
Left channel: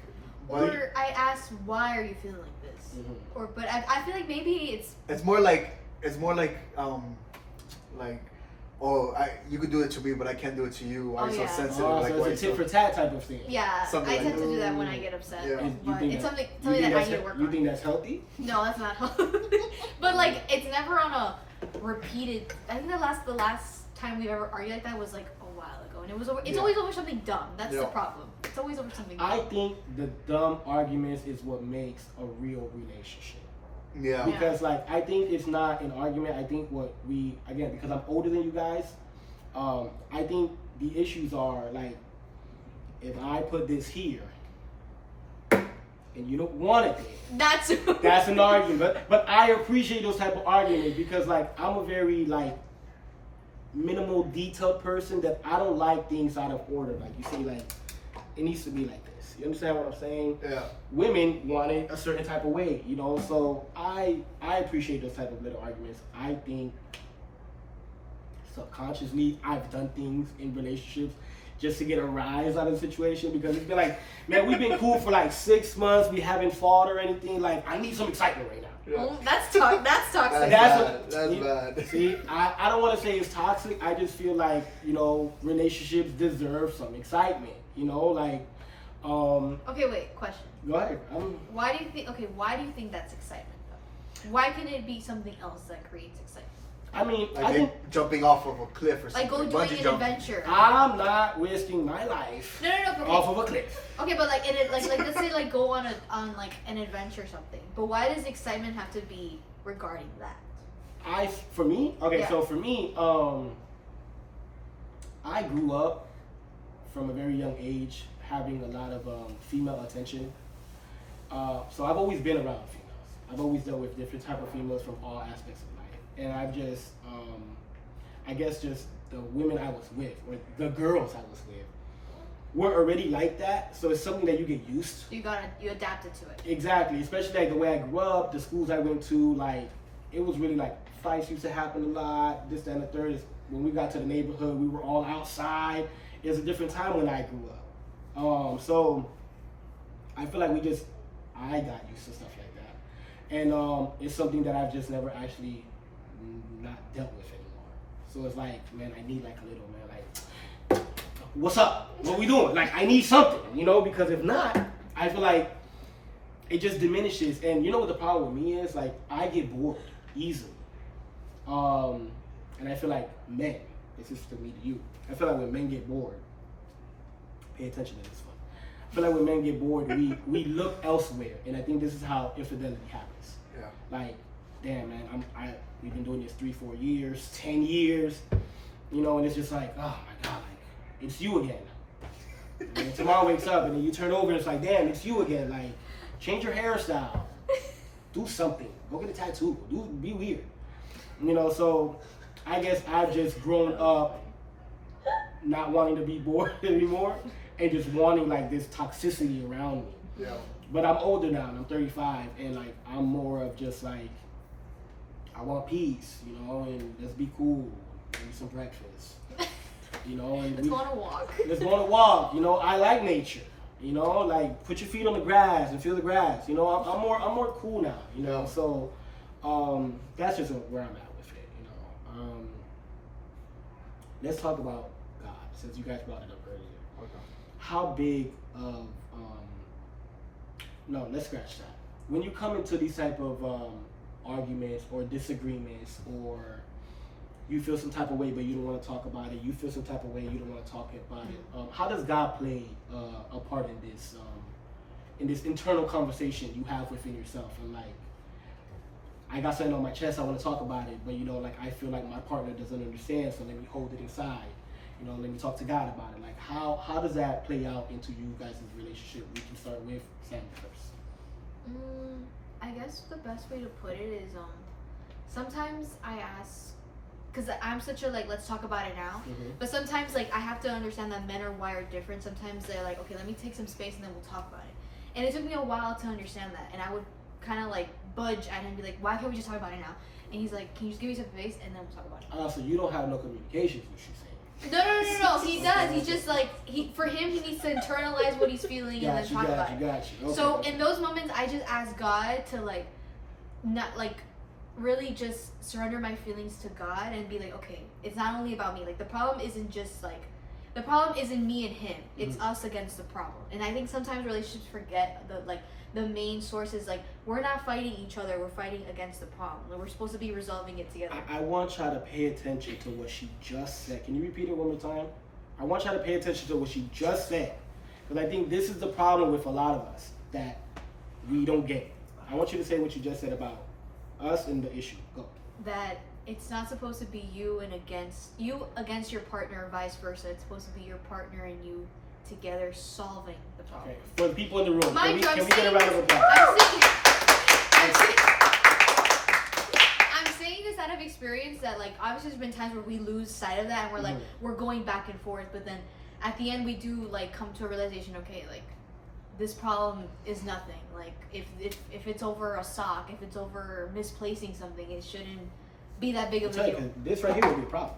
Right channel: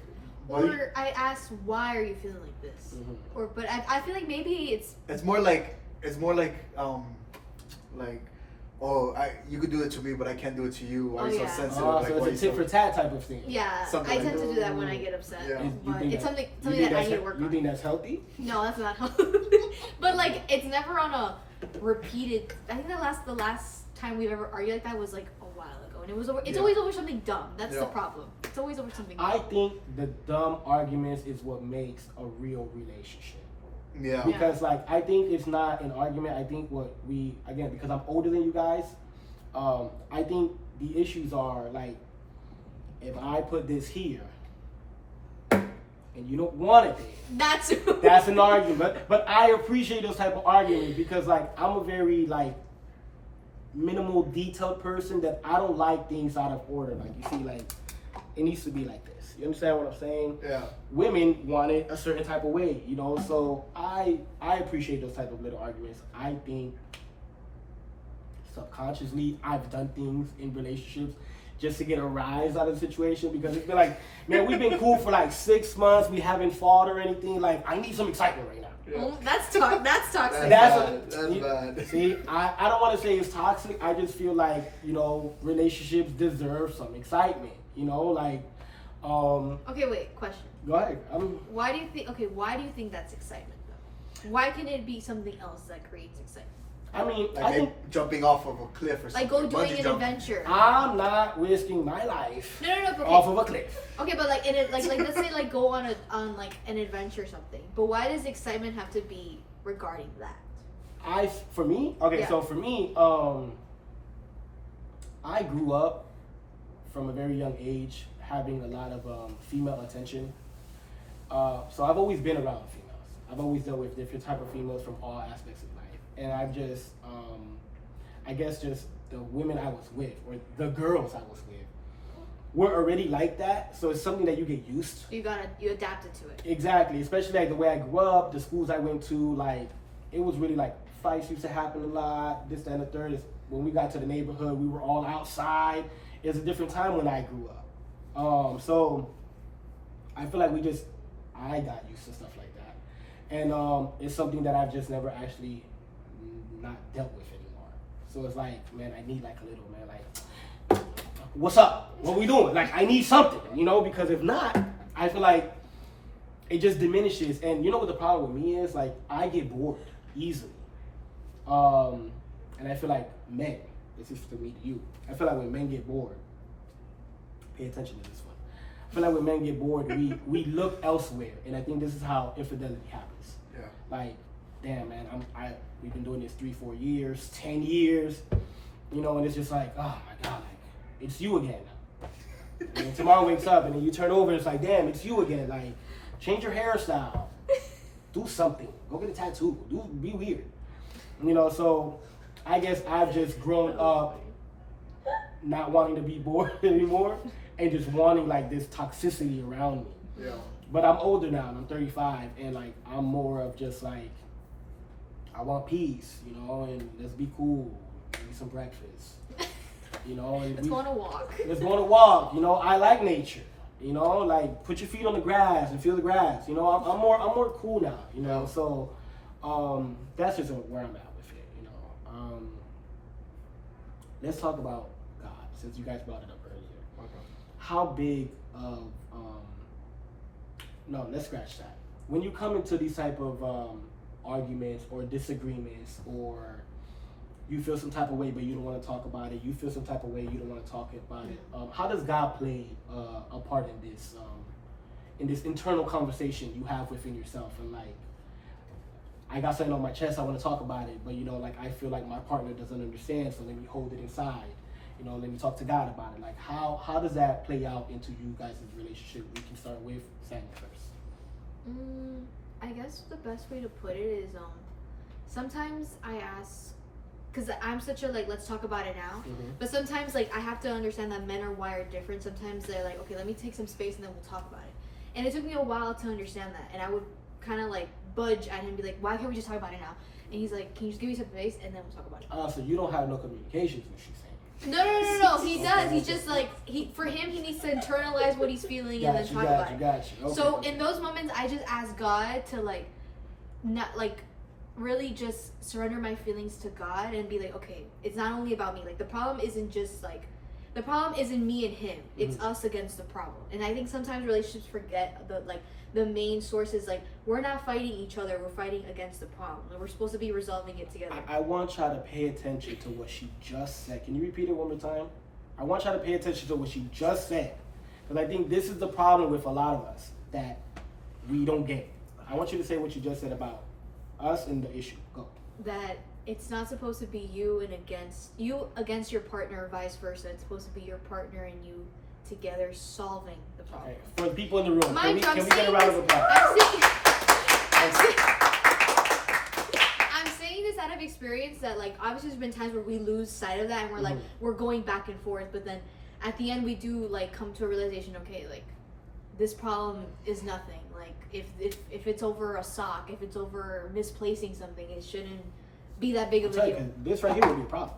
Or I asked, why are you feeling like this? Or but I feel like maybe it's more like oh, you could do it to me, but I can't do it to you. Why are you so sensitive? So it's a tit for tat type of thing. Yeah, something I like tend to do that when I get upset. Yeah. But it's something that I need to work on. You think that's healthy? No, that's not healthy. But like, it's never on a repeated. I think the last time we ever argued like that was like a while ago, and it's always over something dumb. That's the problem. It's always over something dumb. I think the dumb arguments is what makes a real relationship. Yeah. Because like, I think it's not an argument. I think because I'm older than you guys, I think the issues are like, if I put this here and you don't want it there, that's an argument. But I appreciate those type of arguments because like, I'm a very like minimal detailed person that I don't like things out of order. Like, you see, like, it needs to be like this. You understand what I'm saying? Yeah. Women want it a certain type of way, so I appreciate those type of little arguments. I think subconsciously I've done things in relationships just to get a rise out of the situation because it's been like, man, we've been cool for like 6 months, we haven't fought or anything, like, I need some excitement right now. Yeah. That's toxic. That's bad. See, I don't want to say it's toxic. I just feel like, relationships deserve some excitement, like, okay, wait, question. Go ahead. Why do you think that's excitement though? Why can it be something else that creates excitement? I mean, like I think jumping off of a cliff or something. Like go doing Bungee an jumping. adventure. I'm not risking my life No, okay. off of a cliff. Okay, but like let's say like go on like an adventure or something. But why does excitement have to be regarding that? For me, Yeah. so for me, I grew up from a very young age having a lot of female attention. So I've always been around females. I've always dealt with different type of females from all aspects of life. And I've just, I guess just the women I was with, or the girls I was with, were already like that. So it's something that you get used to. You adapted to it. Exactly, especially like the way I grew up, the schools I went to, like, it was really like fights used to happen a lot, this, that, and the third. When we got to the neighborhood, we were all outside. It was a different time when I grew up. So I feel like I got used to stuff like that. And it's something that I've just never actually not dealt with anymore. So it's like, man, I need like a little, man, like, what's up? What we doing? Like, I need something, because if not, I feel like it just diminishes. And you know what the problem with me is? Like, I get bored easily. And I feel like men, this is for me to you, I feel like when men get bored, pay attention to this one. I feel like when men get bored, we look elsewhere. And I think this is how infidelity happens. Yeah. Like, damn, man, we've been doing this 3-4 years, 10 years, and it's just like, oh my God, like, it's you again. And tomorrow wakes up and then you turn over and it's like, damn, it's you again. Like, change your hairstyle, do something, go get a tattoo, be weird. So I guess I've just grown up not wanting to be bored anymore and just wanting like this toxicity around me. Yeah. But I'm older now and I'm 35 and like I'm more of just like, I want peace, and let's be cool, eat some breakfast, and Let's go on a walk. Let's go on a walk, I like nature, like put your feet on the grass and feel the grass, I'm more cool now, so That's just where I'm at with it, you know. Let's talk about God, since you guys brought it up earlier. Okay. How big of no, let's scratch that. When you come into these type of arguments or disagreements, or you feel some type of way but you don't want to talk about it, you feel some type of way you don't want to talk about it, how does God play a part in this internal conversation you have within yourself? And like, I got something on my chest, I want to talk about it, but you know, like I feel like my partner doesn't understand, so let me hold it inside. You know, let me talk to God about it. Like, how does that play out into you guys' relationship? We can start with Sammy first. I guess the best way to put it is sometimes I ask, because I'm such a like, let's talk about it now, but sometimes like I have to understand that men are wired different. Sometimes they're like, okay, let me take some space and then we'll talk about it. And it took me a while to understand that, and I would kind of like budge at him and be like, why can't we just talk about it now? And he's like, can you just give me some space and then we'll talk about it. Oh, so you don't have no communication, is what she's saying. No. He does. He's just like, for him, he needs to internalize what he's feeling and then talk about it. Okay, So in those moments, I just ask God to like, not like, really just surrender my feelings to God and be like, okay, it's not only about me. Like, the problem isn't just like, the problem isn't me and him. It's us against the problem. And I think sometimes relationships forget the main source is like, we're not fighting each other, we're fighting against the problem. And we're supposed to be resolving it together. I want y'all to pay attention to what she just said. Can you repeat it one more time? I want y'all to pay attention to what she just said. Because I think this is the problem with a lot of us, that we don't get it. I want you to say what you just said about us and the issue. Go. That it's not supposed to be you against your partner, or vice versa. It's supposed to be your partner and you together solving the problem. Okay. For the people in the room, Mind you, can we get a round of applause? I'm saying this out of experience that like obviously there's been times where we lose sight of that and we're like we're going back and forth, but then at the end we do like come to a realization, okay, like this problem is nothing. Like if it's over a sock, if it's over misplacing something, it shouldn't be that big of a deal. This right here will be a problem.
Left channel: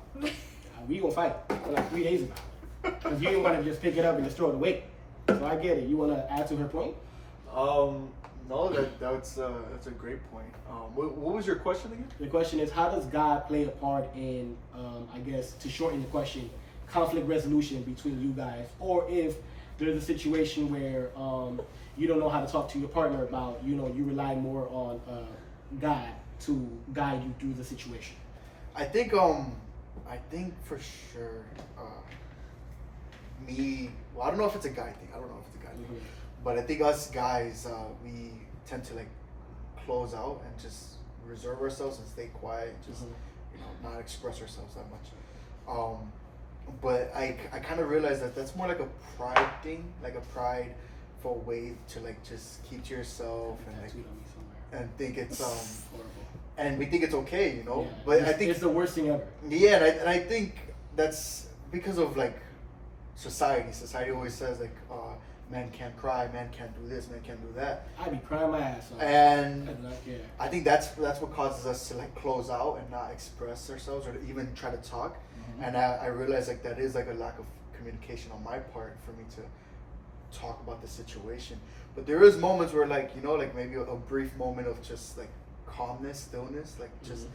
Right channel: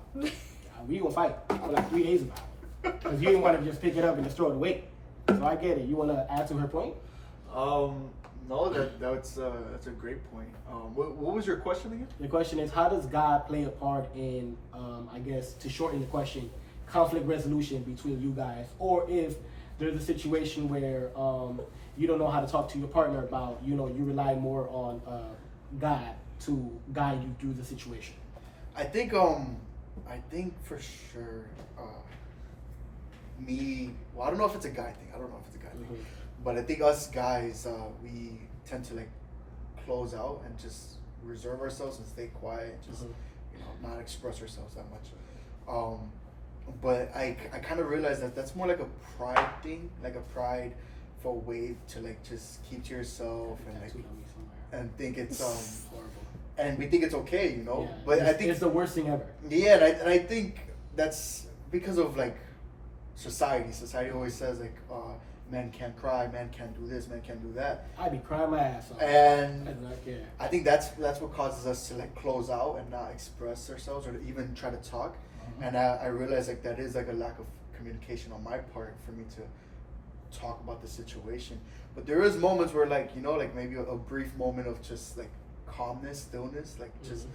We gonna fight for like 3 days about it. Because you didn't want to just pick it up and just throw it away. So I get it. You want to add to her point? No, that's a great point. What was your question again? The question is, how does God play a part in, I guess, to shorten the question, conflict resolution between you guys? Or if there's a situation where you don't know how to talk to your partner about, you know, you rely more on God to guide you through the situation. I think for sure, I don't know if it's a guy thing. But I think us guys, we tend to like close out and just reserve ourselves and stay quiet, and just you know, not express ourselves that much. But I kind of realized that that's more like a pride thing, like a prideful way to like just keep to yourself and like and think it's and we think it's okay, you know. Yeah, but I think it's the worst thing ever. Yeah, and I think that's because of like society. Society always says like, men can't cry, men can't do this, men can't do that. I'd be crying my ass off. And yeah. I think that's what causes us to like close out and not express ourselves or to even try to talk. And I realize like that is like a lack of communication on my part for me to talk about the situation. But there is moments where like, you know, like maybe a brief moment of just like calmness, stillness, like just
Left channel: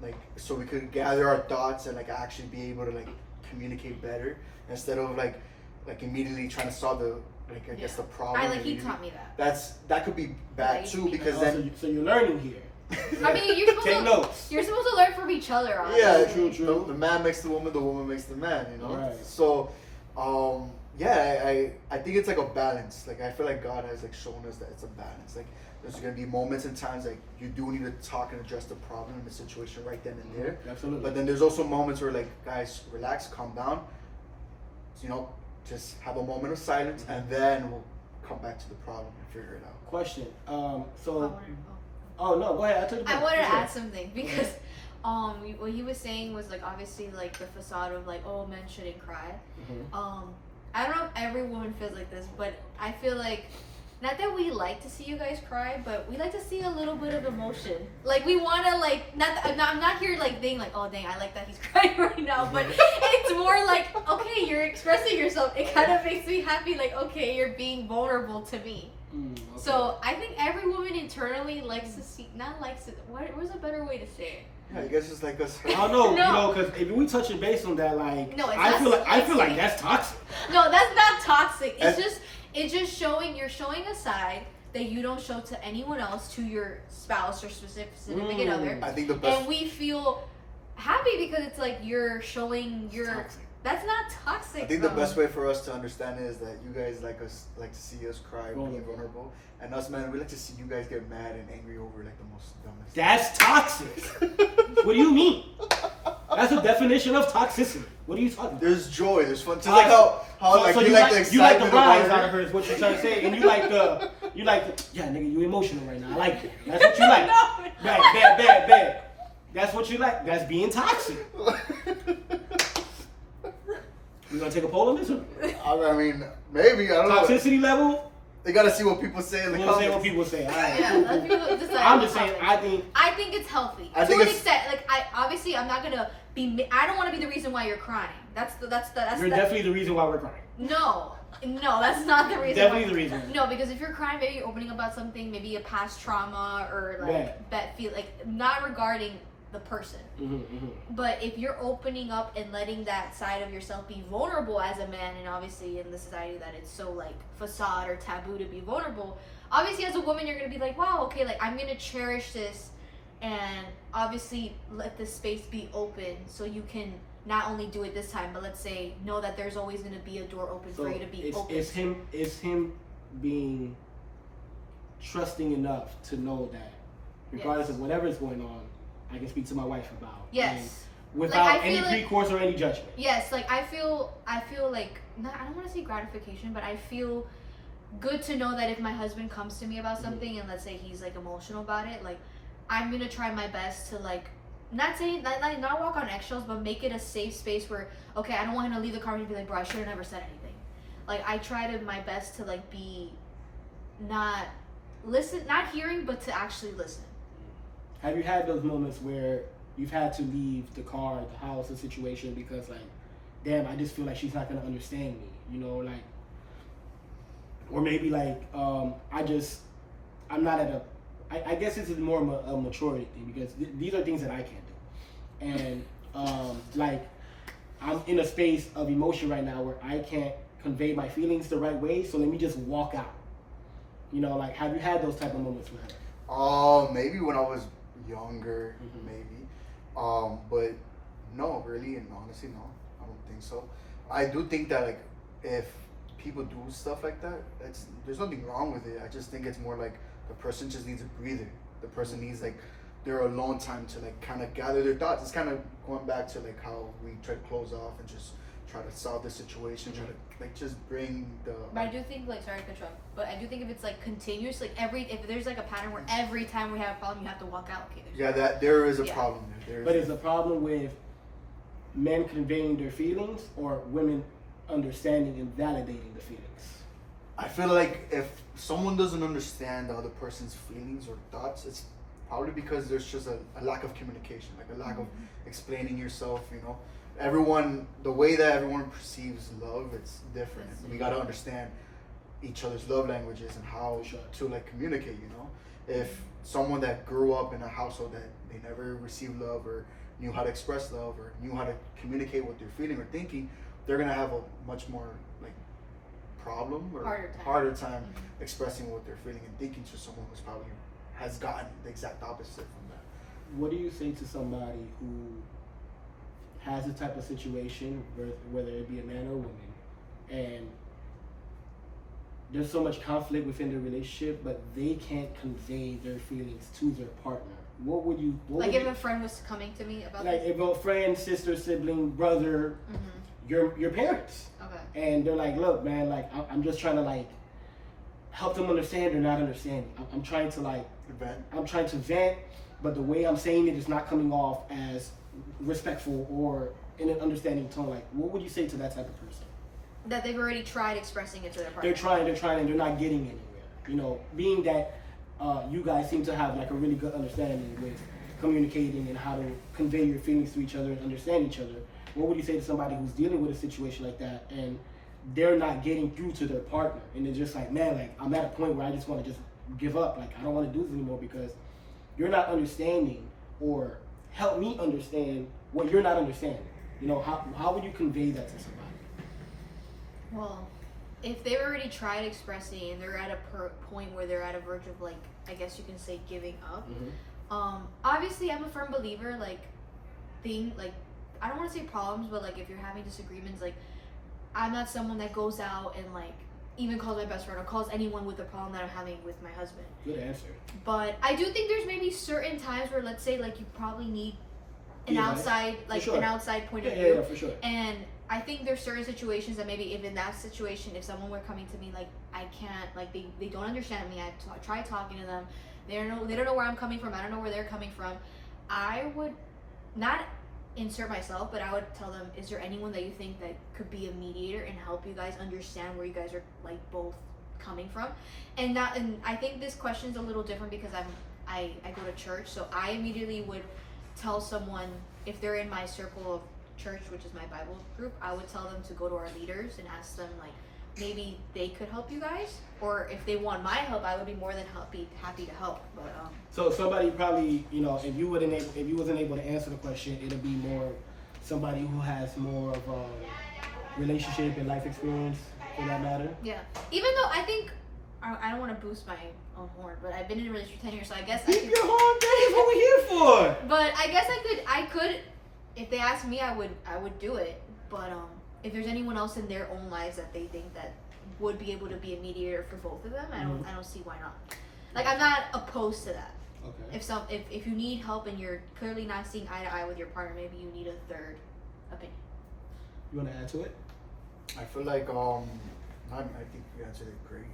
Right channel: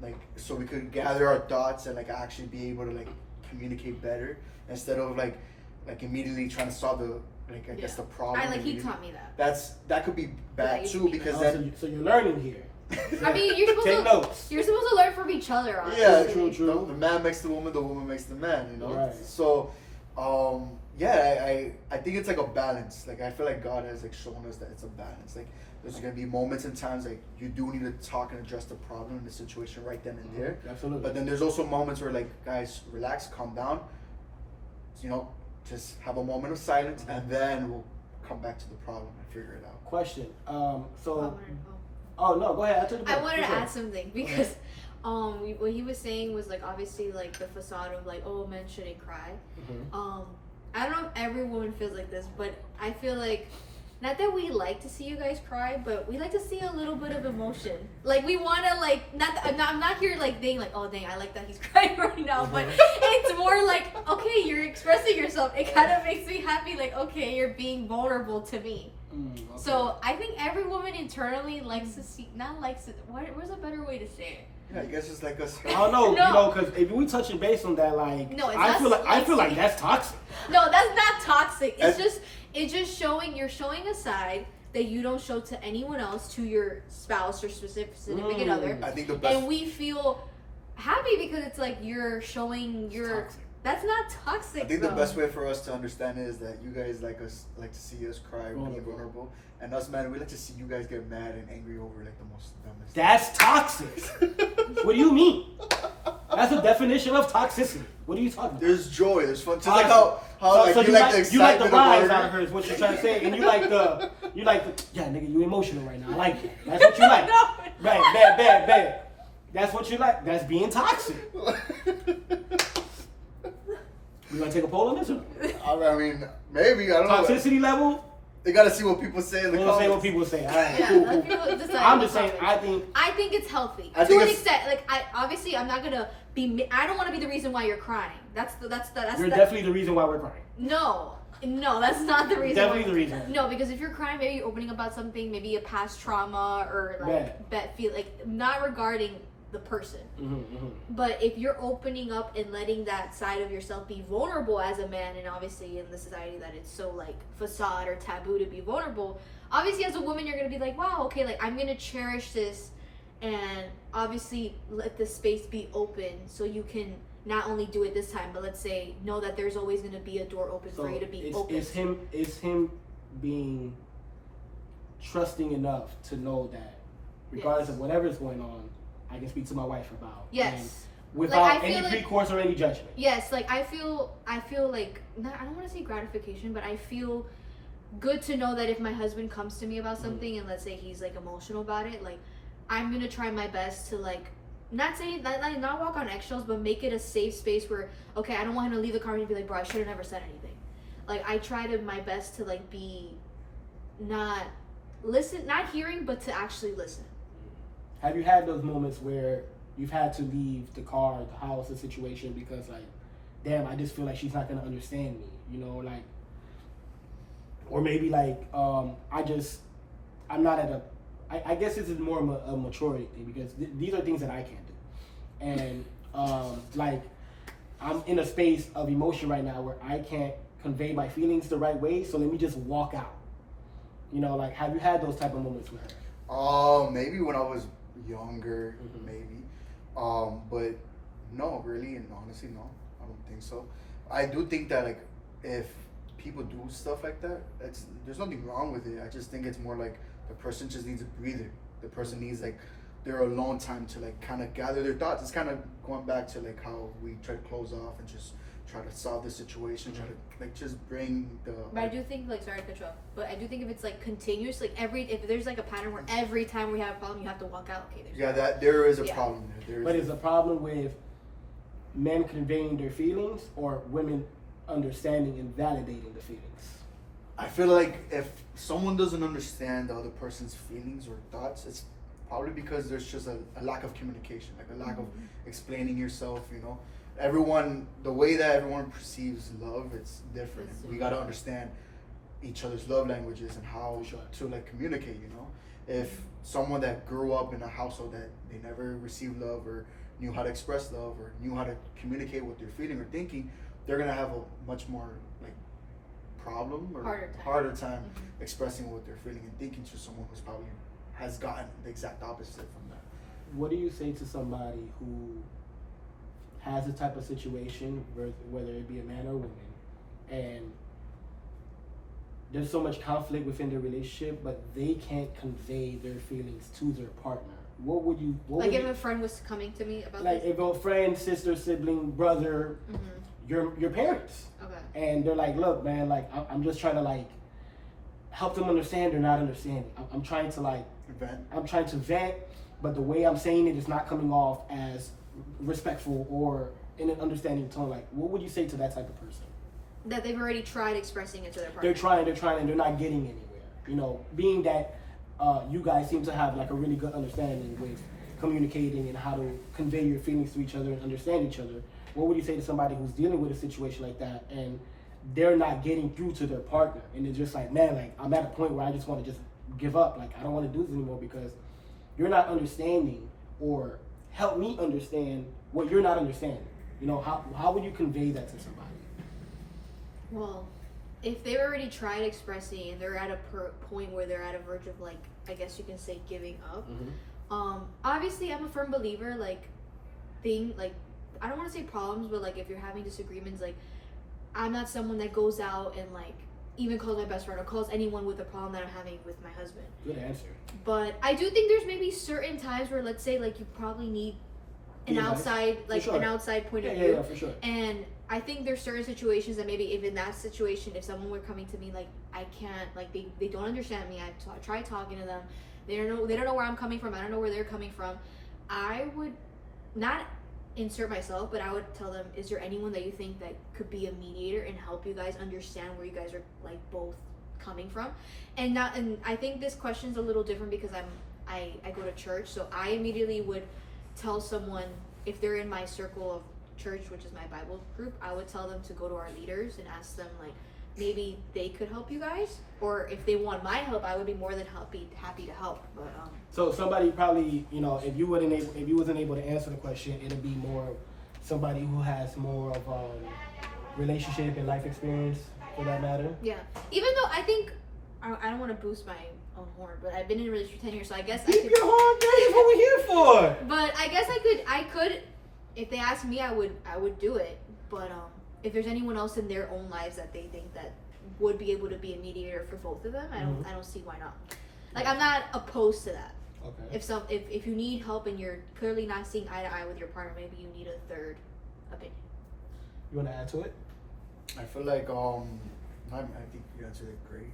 like so we could gather our thoughts and like actually be able to like communicate better instead of like immediately trying to solve the I guess the problem. He taught me that. That could be bad too because then so you're learning here. I mean, you're supposed to learn from each other, honestly. Yeah, true. The man makes the woman makes the man, you know. Right. So, I think it's like a balance. Like I feel like God has like shown us that it's a balance. Like there's gonna be moments and times like you do need to talk and address the problem in the situation right then and there. Absolutely. But then there's also moments where like guys relax, calm down. You know, just have a moment of silence and then we'll come back to the problem and figure it out. Question. Oh no, go ahead. I wanted to add something because what he was saying was like obviously like the facade of like, oh, men shouldn't cry. I don't know if every woman feels like this, but I feel like not that we like to see you guys cry, but we like to see a little bit of emotion. Like we want to like I'm not here like being like, oh dang, I like that he's crying right now, but it's more like, okay, you're expressing yourself. It kind of makes me happy. Like, okay, you're being vulnerable to me. So I think every woman internally likes to see, not likes to, what's a better way to say it? Yeah, I guess it's like us. I don't know, No. you know, because if we touching base on that, like, No, it's I not feel like that's toxic. No, that's not toxic. I- It's just showing, you're showing a side that you don't show to anyone else, to your spouse or significant other. I think the best. And we feel happy because it's like you're showing your. Toxic. That's not toxic. I think though. the best way for us to understand is that you guys like to see us cry or be vulnerable, and us man, we like to see you guys get mad and angry over like the most dumbest. That's toxic. What do you mean? That's the definition of toxicity. What are you talking about? There's joy, there's fun. Just Toxic. like how like you like the you like the excitement rise of out of her is what you're trying to say, and you like the yeah, nigga, you emotional right now. I like it. That's what you like. No. Bad. That's what you like. That's being toxic. We gonna take a poll on this one? I mean, maybe I don't know. Toxicity level. They gotta see what people say in the We'll say comments. what people say. All right, Yeah, cool, let cool. people decide I'm in the just saying. comments. I I think it's healthy I to think an it's- extent. Like I'm not gonna be. I don't want to be the reason why you're crying. That's you're that. definitely the reason why we're crying. No, that's not the reason. Definitely why. the reason. No, because if you're crying, maybe you're opening about something, maybe a past trauma or like Right. bad feel, like not regarding the person. But if you're opening up and letting that side of yourself be vulnerable as a man, and obviously in the society that it's so like facade or taboo to be vulnerable, obviously as a woman you're gonna be like, wow, okay, like I'm gonna cherish this, and obviously let the space be open so you can not only do it this time, but let's say know that there's always gonna be a door open So for you to be it's, open. It's him being trusting enough to know that regardless Yes. of whatever's going on, I can speak to my wife about. Yes. And without Like, I any feel like- recourse or any judgment. Yes, like I feel like not, I don't want to say gratification, but I feel good to know that if my husband comes to me about something and let's say he's like emotional about it, like I'm gonna try my best to like not walk on eggshells, but make it a safe space where okay, I don't want him to leave the car and be like, bro, I should have never said anything. Like I try to my best to like be not hearing, but to actually listen. Have you had those moments where you've had to leave the car, the house, the situation because like, damn, I just feel like she's not gonna understand me, you know, like, or maybe like, I'm not at a, I guess this is more of a maturity thing because these are things that I can't do, and like, I'm in a space of emotion right now where I can't convey my feelings the right way, so let me just walk out. You know, like, have you had those type of moments with her? Maybe when I was younger, maybe. But no, really, and honestly, no, I don't think so. I do think that like if people do stuff like that, there's nothing wrong with it. I just think it's more like the person just needs a breather. The person needs like their alone time to like kind of gather their thoughts. It's kind of going back to like how we try to close off and just try to solve the situation, try to like just bring the. But I do think like sorry to cut you off, but I do think if it's like continuous, like if there's like a pattern where every time we have a problem you have to walk out, okay, there's Yeah, that there is a Yeah. problem there. But is the problem with men conveying their feelings or women understanding and validating the feelings? I feel like if someone doesn't understand the other person's feelings or thoughts, it's probably because there's just a lack of communication, like a lack of explaining yourself, you know. The way that everyone perceives love, it's different. It's We gotta understand each other's love languages and how to like communicate, you know. If someone that grew up in a household that they never received love or knew how to express love or knew how to communicate what they're feeling or thinking, they're gonna have a much more like problem or harder time expressing what they're feeling and thinking to someone who's probably has gotten the exact opposite from that. What do you say to somebody who has a type of situation, whether it be a man or a woman, and there's so much conflict within the relationship, but they can't convey their feelings to their partner? What would you? like if a friend was coming to me about like this. if a friend, sister, sibling, brother, your parents, Okay. and they're like, look, man, like I'm just trying to like help them understand they're not understanding. I'm trying to like Event. I'm trying to vent, but the way I'm saying it is not coming off as respectful or in an understanding tone. Like, what would you say to that type of person? That they've already tried expressing it to their partner. They're trying, and they're not getting anywhere. You know, being that you guys seem to have like a really good understanding with communicating and how to convey your feelings to each other and understand each other. What would you say to somebody who's dealing with a situation like that and they're not getting through to their partner, and they're just like, man, like I'm at a point where I just want to just give up. Like I don't want to do this anymore because you're not understanding or help me understand what you're not understanding. You know, how would you convey that to somebody? Well, if they've already tried expressing and they're at a point where they're at a verge of, like, I guess you can say giving up. Obviously I'm a firm believer, like, I don't want to say problems, but like if you're having disagreements, like I'm not someone that goes out and like even calls my best friend or calls anyone with a problem that I'm having with my husband. Good answer. But I do think there's maybe certain times where, let's say, like you probably need an outside, like an outside point of view. Yeah, for sure. And I think there's certain situations that maybe if in that situation, if someone were coming to me like I can't, like they don't understand me, I try talking to them, they don't know where I'm coming from, I don't know where they're coming from, I would not insert myself, but I would tell them, is there anyone that you think that could be a mediator and help you guys understand where you guys are like both coming from? And I think this question's a little different because I go to church, so I immediately would tell someone, if they're in my circle of church, which is my Bible group, I would tell them to go to our leaders and ask them, like, maybe they could help you guys, or if they want my help, I would be more than happy to help. But so somebody probably, you know, if you wasn't able to answer the question, it'll be more somebody who has more of relationship and life experience, for that matter. Yeah, even though I think I don't want to boost my own horn, but I've been in a relationship for 10 years, so I guess Keep your horn, baby. What we're here for. But I guess I could, if they asked me, I would do it. But if there's anyone else in their own lives that they think that would be able to be a mediator for both of them, I don't see why not. Like, I'm not opposed to that. Okay. If you need help and you're clearly not seeing eye to eye with your partner, maybe you need a third opinion. You want to add to it? I feel like I think you answered it great.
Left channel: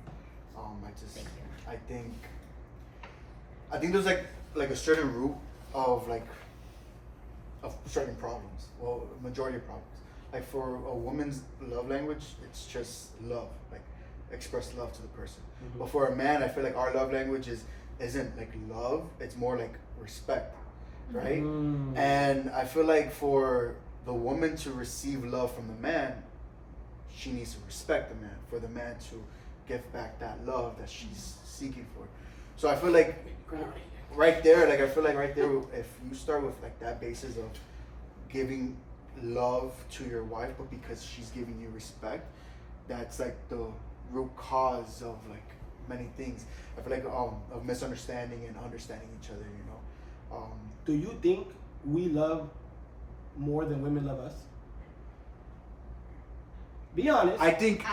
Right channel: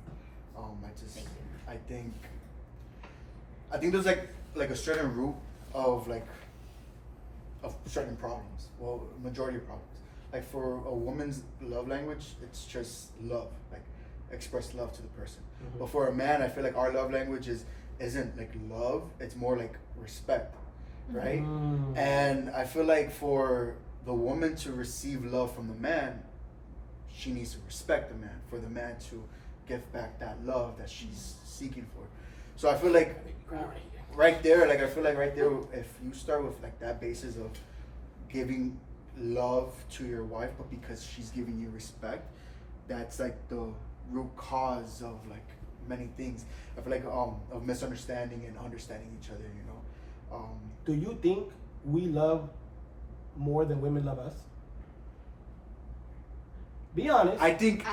Thank you. I think there's like a certain root of certain problems. Well, majority of problems. Like for a woman's love language, it's just love, like express love to the person. But for a man, I feel like our love language isn't like love. It's more like respect, right? And I feel like for the woman to receive love from the man, she needs to respect the man, for the man to give back that love that she's seeking for. So I feel like right there, if you start with like that basis of giving love to your wife, but because she's giving you respect, that's like the root cause of like many things. I feel like of misunderstanding and understanding each other, you know. Do you think we love more than women love us? Be honest. I think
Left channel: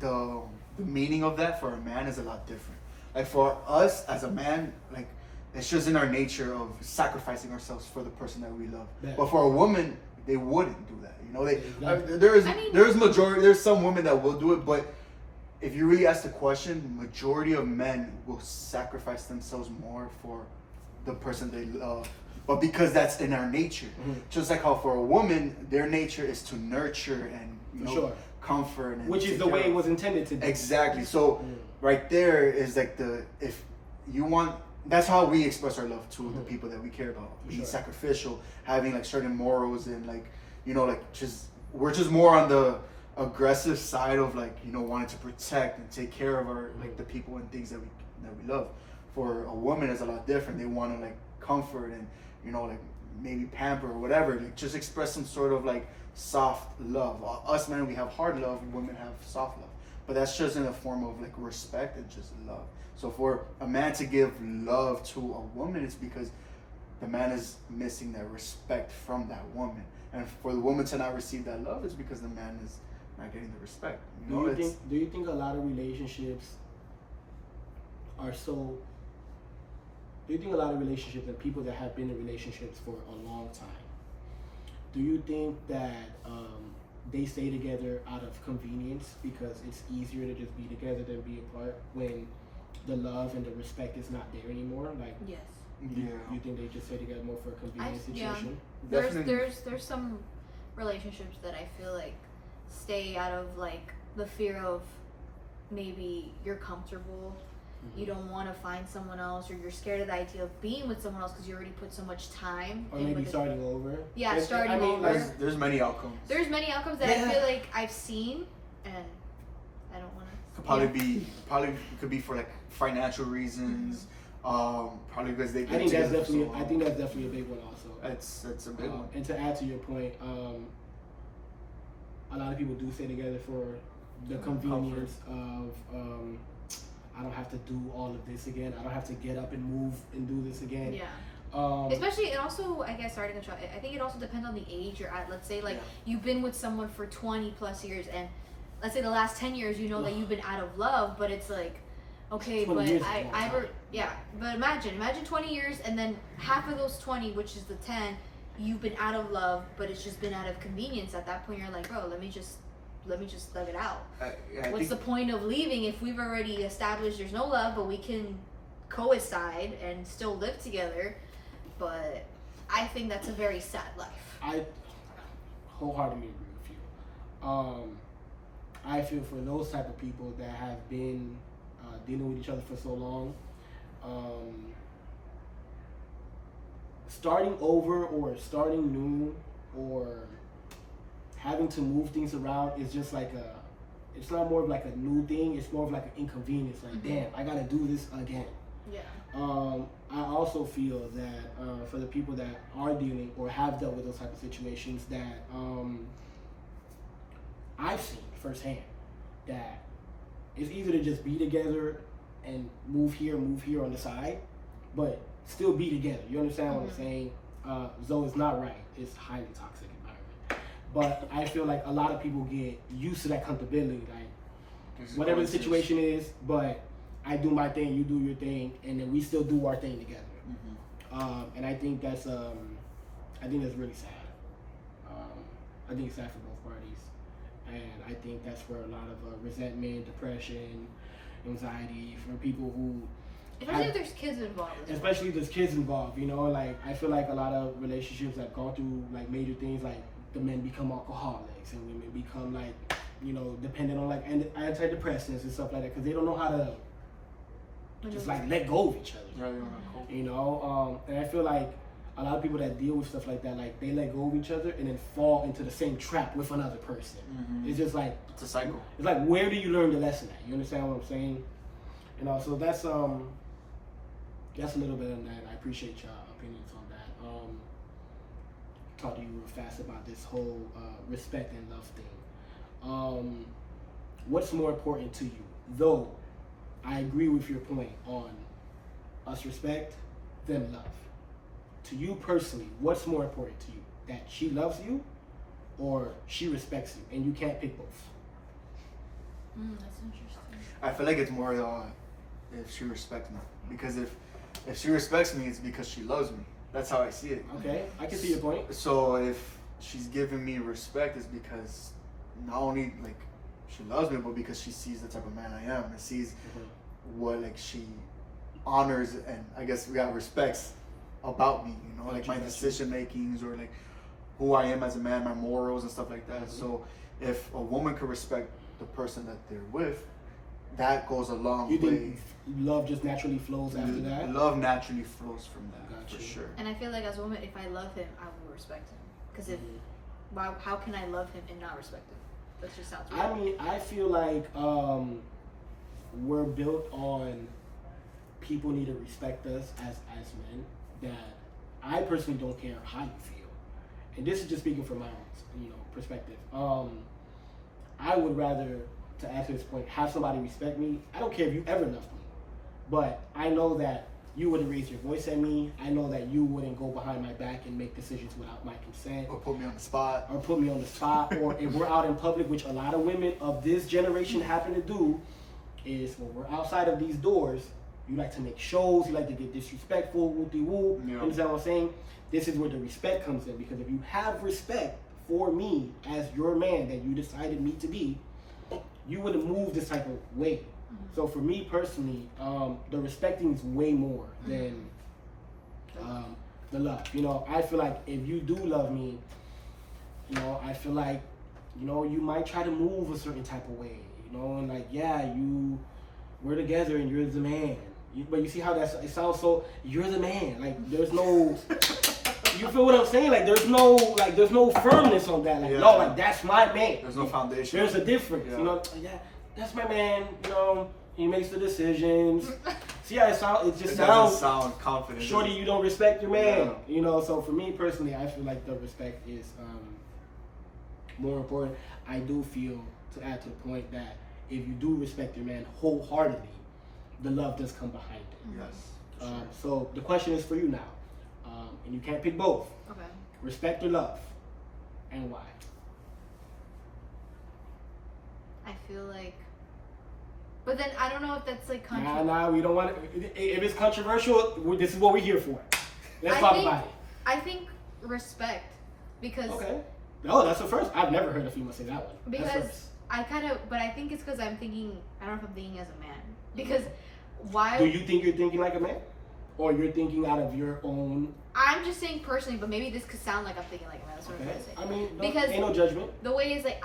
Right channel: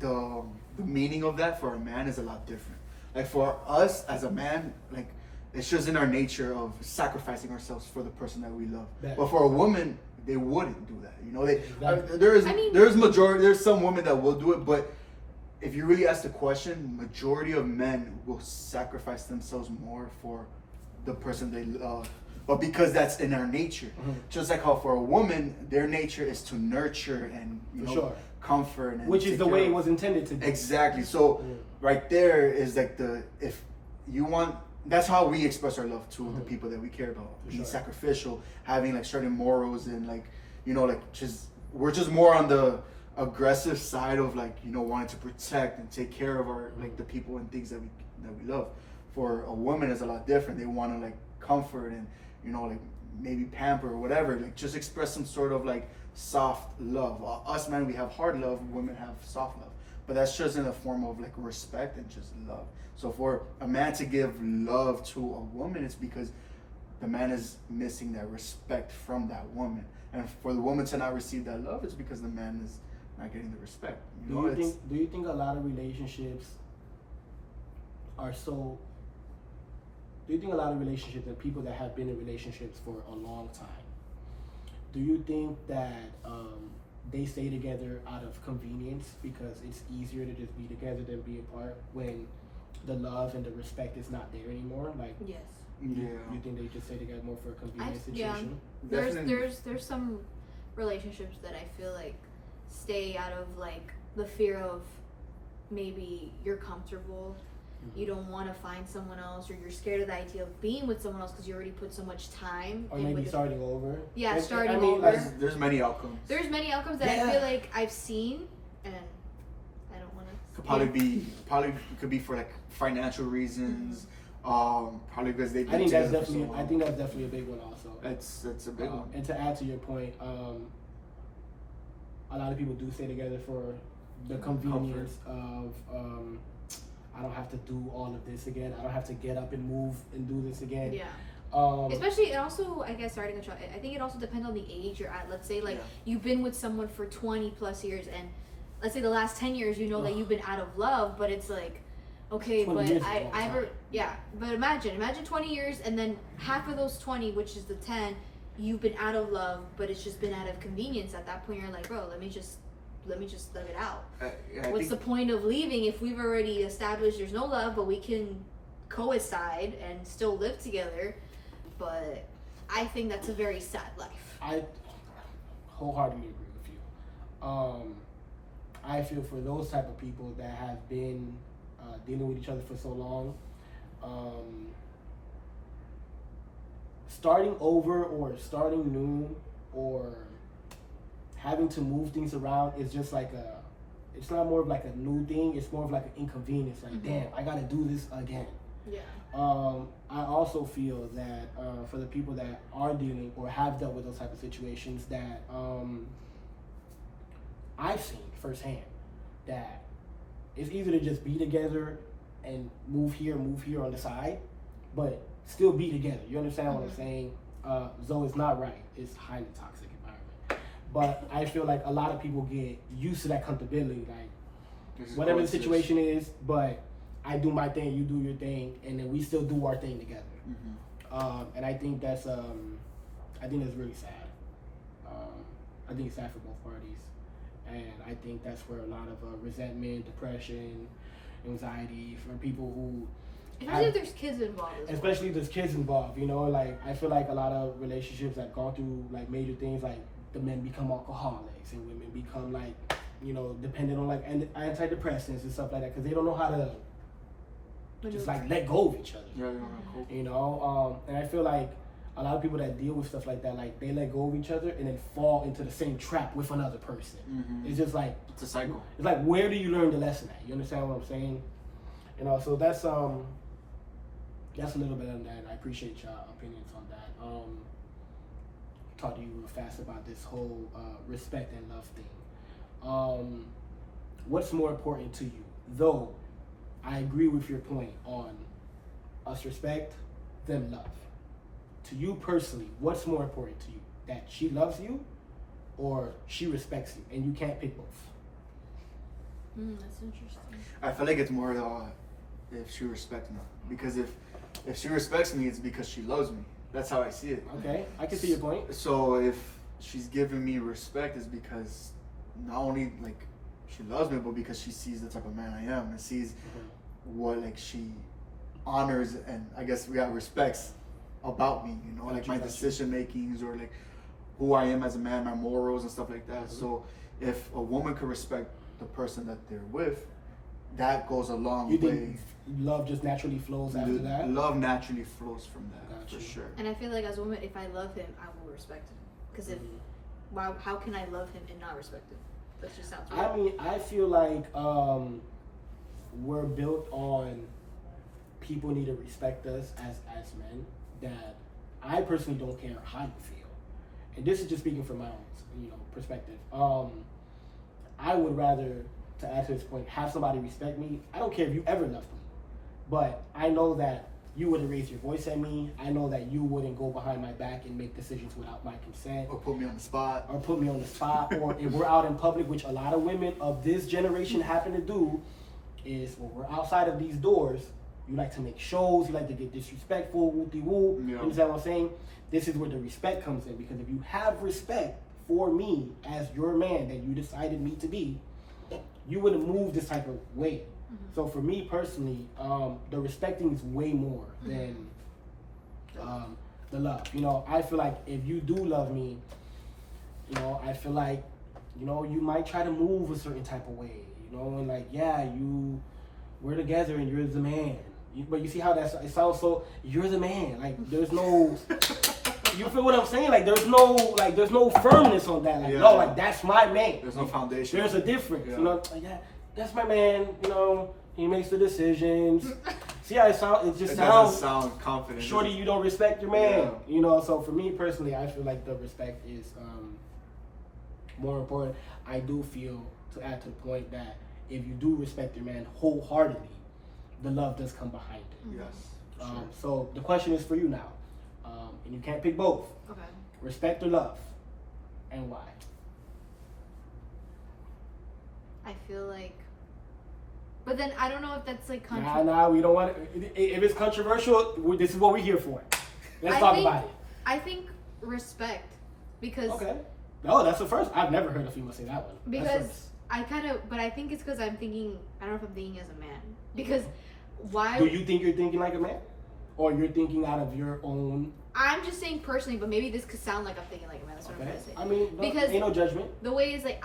the meaning of that for a man is a lot different. Like for us as a man, like it's just in our nature of sacrificing ourselves for the person that we love. Yeah. But for a woman, they wouldn't do that. You know, Exactly. there's some women that will do it, but if you really ask the question, majority of men will sacrifice themselves more for the person they love. But because that's in our nature. Just like how for a woman, their nature is to nurture and comfort, and which is the way it was intended to be. Exactly. So right there is like if you want, that's how we express our love to the people that we care about. Being sacrificial, having like certain morals, and like, you know, like we're just more on the aggressive side of like, you know, wanting to protect and take care of our like the people and things that we love. For a woman, it's a lot different. They want to like comfort and, you know, like maybe pamper or whatever, like just express some sort of like soft love. Us men, we have hard love, women have soft love, but that's just in a form of like respect and just love. So for a man to give love to a woman, it's because the man is missing that respect from that woman, and for the woman to not receive that love, it's because the man is not getting the respect. You know, do you think a lot of relationships are so? Do you think a lot of relationships and people that have been in relationships for a long time, do you think that they stay together out of convenience because it's easier to just be together than be apart when the love and the respect is not there anymore? Like, Yes. You think they just stay together more for a convenience situation? There's some relationships that I feel like stay out of like the fear of maybe you're comfortable you don't want to find someone else, or you're scared of the idea of being with someone else because you already put so much time Or in maybe with it. starting over. Yeah, Like, starting I mean, over. like, There's many outcomes. There's many outcomes that Yeah. I feel like I've seen, and I don't want to. Probably could be for like financial reasons. Probably because they've I been think that's together for so definitely. I long. think that's definitely a big one also. It's a big one. And to add to your point, a lot of people do stay together for the convenience of I don't have to do all of this again. I don't have to get up and move and do this again. Yeah. Especially Especially, it also, I guess, starting a child, I think it also depends on the age you're at. Let's say, like, Yeah. you've been with someone for 20 plus years, and let's say the last 10 years, you know that you've been out of love, but it's like, okay, 20 but years is a long time. yeah, but imagine 20 years, and then half of those 20, which is the 10, you've been out of love, but it's just been out of convenience. At that point, you're like, bro, let me just thug it out. What's the point of leaving if we've already established there's no love, but we can coincide and still live together? But I think that's a very sad life. I wholeheartedly agree with you. I feel for those type of people that have been dealing with each other for so long, starting over or starting new or having to move things around is just like it's not more of like a new thing, it's more of like an inconvenience. Like, damn, I gotta do this again. Yeah. I also feel that for the people that are dealing or have dealt with those type of situations, that I've seen firsthand that it's easier to just be together and move here on the side, but still be together. You understand what I'm saying? Though it's not right. It's highly toxic environment. But I feel like a lot of people get used to that comfortability, like whatever the situation is, but I do my thing, you do your thing, and then we still do our thing together. And I think that's really sad. I think it's sad for both parties, and I think that's where a lot of resentment, depression, anxiety for people who, Especially if there's kids involved. As well. especially if there's kids involved. You know, like I feel like a lot of relationships have gone through like major things, like the men become alcoholics and women become like, you know, dependent on like antidepressants and stuff like that because they don't know how to just like let go of each other. You know, and I feel like a lot of people that deal with stuff like that, like they let go of each other and then fall into the same trap with another person. It's just like It's a cycle. it's like, where do you learn the lesson at? You understand what I'm saying? You know, so that's a little bit on that. I appreciate y'all opinions on that. Talk to you real fast about this whole respect and love thing. What's more important to you? Though I agree with your point on us respect, them love. To you personally, what's more important to you? That she loves you or she respects you, and you can't pick both? That's interesting. I feel like it's more if she respects me, because if she respects me, it's because she loves me. That's how I see it. Okay, I can see your point. So if she's giving me respect, is because not only like she loves me, but because she sees the type of man I am and sees what like she honors and I guess we got respects about me. You know, like my decision makings or like who I am as a man, my morals and stuff like that. So if a woman could respect the person that they're with, that goes a long You way. think love just naturally flows after that? Love naturally flows from that, Gotcha. for sure. And I feel like as a woman, if I love him, I will respect him. Because how can I love him and not respect him? That just sounds weird. I mean, I feel like we're built on people need to respect us as men. That I personally don't care how you feel, and this is just speaking from my own perspective. I would rather, to add to this point, have somebody respect me. I don't care if you ever loved me, but I know that you wouldn't raise your voice at me. I know that you wouldn't go behind my back and make decisions without my consent. Or put me on the spot. Or put me on the spot. Or if we're out in public, which a lot of women of this generation happen to do, is when we're outside of these doors, you like to make shows, you like to get disrespectful, woo-de-woo. Yeah. You understand what I'm saying? This is where the respect comes in, because if you have respect for me as your man that you decided me to be, you wouldn't move this type of way. So for me personally, the respecting is way more than the love. You know, I feel like if you do love me, you know, I feel like, you know, you might try to move a certain type of way, you know, and like, yeah, you we're together and you're the man. But you see how it sounds so, you're the man. Like, there's no, you feel what I'm saying? Like, there's no firmness on that. Like, Yeah. no, like, that's my man. There's no foundation. There's a difference. Yeah. You know, like, that's my man. You know, he makes the decisions. See how it sounds? It just It sounds. doesn't sound confident. Shorty, you don't respect your man. Yeah. You know, so for me personally, I feel like the respect is more important. I do feel, to add to the point, that if you do respect your man wholeheartedly, the love does come behind it. Yes. So the question is for you now, and you can't pick both. Okay. Respect or love, and why? I feel like, but then I don't know if that's like Nah, we don't want it. If it's controversial, this is what we're here for. Let's talk about it. I think respect, because Okay. No, that's the first. I've never heard a female say that one. That's because first. I kind of, but I think it's because I'm thinking. I don't know if I'm thinking as a man, because why? Do you think you're thinking like a man, or you're thinking out of your own? I'm just saying personally, but maybe this could sound like I'm thinking like a man. That's what I'm Okay. trying to say. I mean, Because- ain't no judgment. The way is like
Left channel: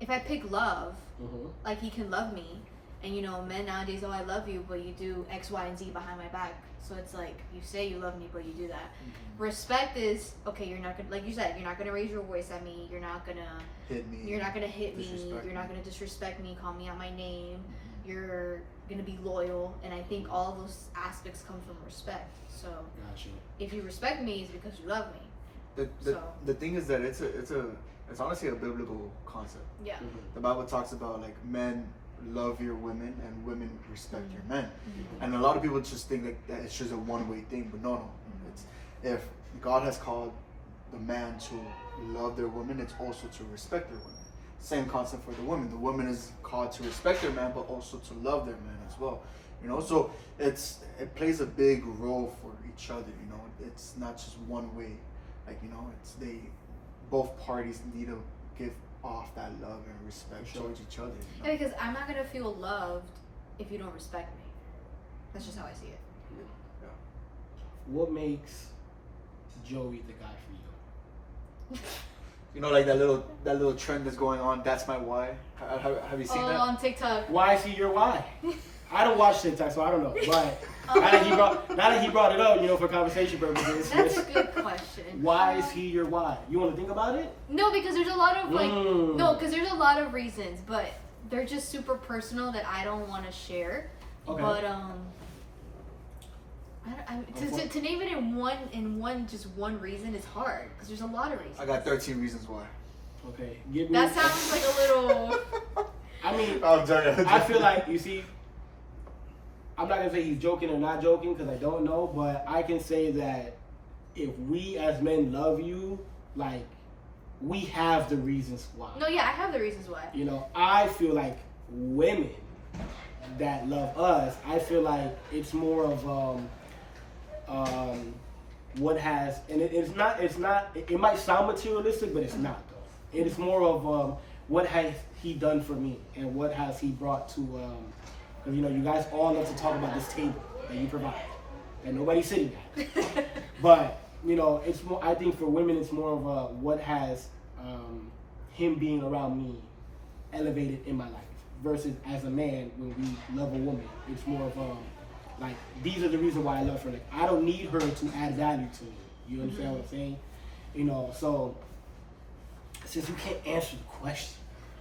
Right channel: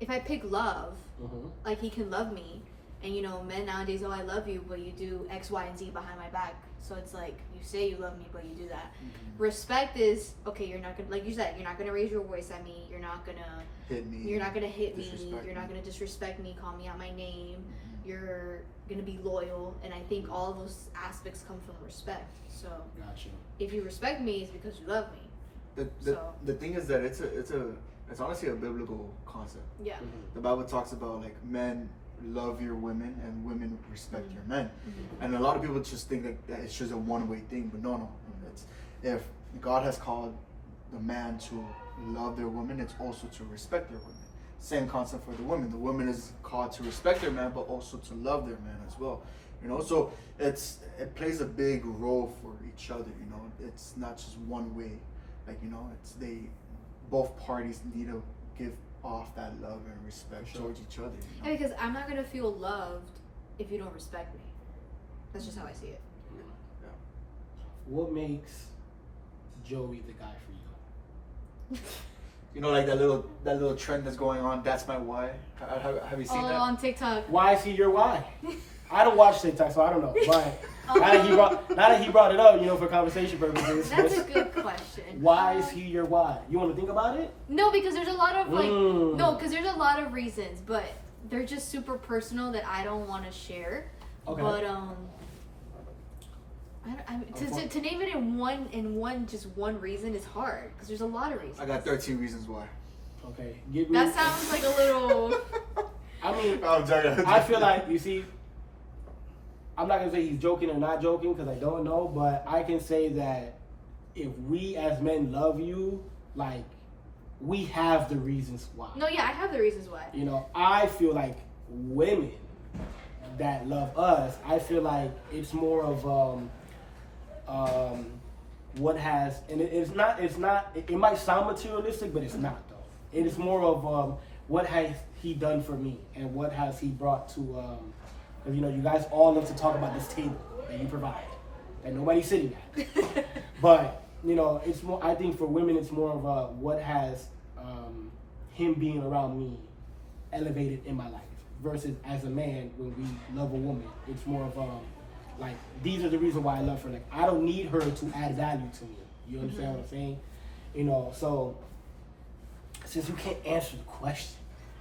if I pick love, Mm-hmm. like he can love me, and you know, men nowadays, oh, I love you, but you do X, Y, and Z behind my back. So it's like you say you love me, but you do that. Respect is okay. You're not gonna, like you said, you're not gonna raise your voice at me. You're not gonna Hit me. You're not gonna hit me. Disrespect You're not me. gonna disrespect me. Call me out my name. You're gonna be loyal, and I think all those aspects come from respect. So Got you. if you respect me, it's because you love me. The So- the thing is that it's honestly a biblical concept. Yeah. Mm-hmm. The Bible talks about like men love your women and women respect your men, and a lot of people just think that it's just a one-way thing, but no. It's if God has called the man to love their woman, it's also to respect their women. Same concept for the woman. The woman is called to respect their man, but also to love their man as well. You know, so it plays a big role for each other. You know, it's not just one way. Like, you know, both parties need to give off that love and respect For sure. towards each other. You know? Yeah, because I'm not gonna feel loved if you don't respect me. That's just how I see it. What makes Joey the guy for you? You know, like that little trend that's going on. That's my why. Have you seen that? On TikTok. Why is he your why? I don't watch TikTok, so I don't know. Why? Now that he brought it up, you know, for conversation purposes. That's a good question. Why is he your why? You want to think about it? No, because there's a lot of like Mm. no, because there's a lot of reasons, but they're just super personal that I don't want to share. Okay. But to name it in one reason is hard because there's a lot of reasons. I got 13 reasons why. Okay, give me. That sounds like a little. I mean, I'm joking. I feel like, you see, I'm not gonna say he's joking or not joking because I don't know, but I can say that if we as men love you, like, we have the reasons why. No, yeah, I have the reasons why. You know, I feel like women that love us, I feel like it's more of what has, and it's not, it might sound materialistic, but it's not though. It is more of what has he done for me and what has he brought to, because you know, you guys all love to talk about this table that you provide, that nobody's sitting at. But, you know, it's more, I think for women, it's more of what has him being around me elevated in my life versus as a man, when we love a woman, it's more of like, these are the reasons why I love her. Like, I don't need her to add value to me. You understand what I'm saying? You know, so since you can't answer the question,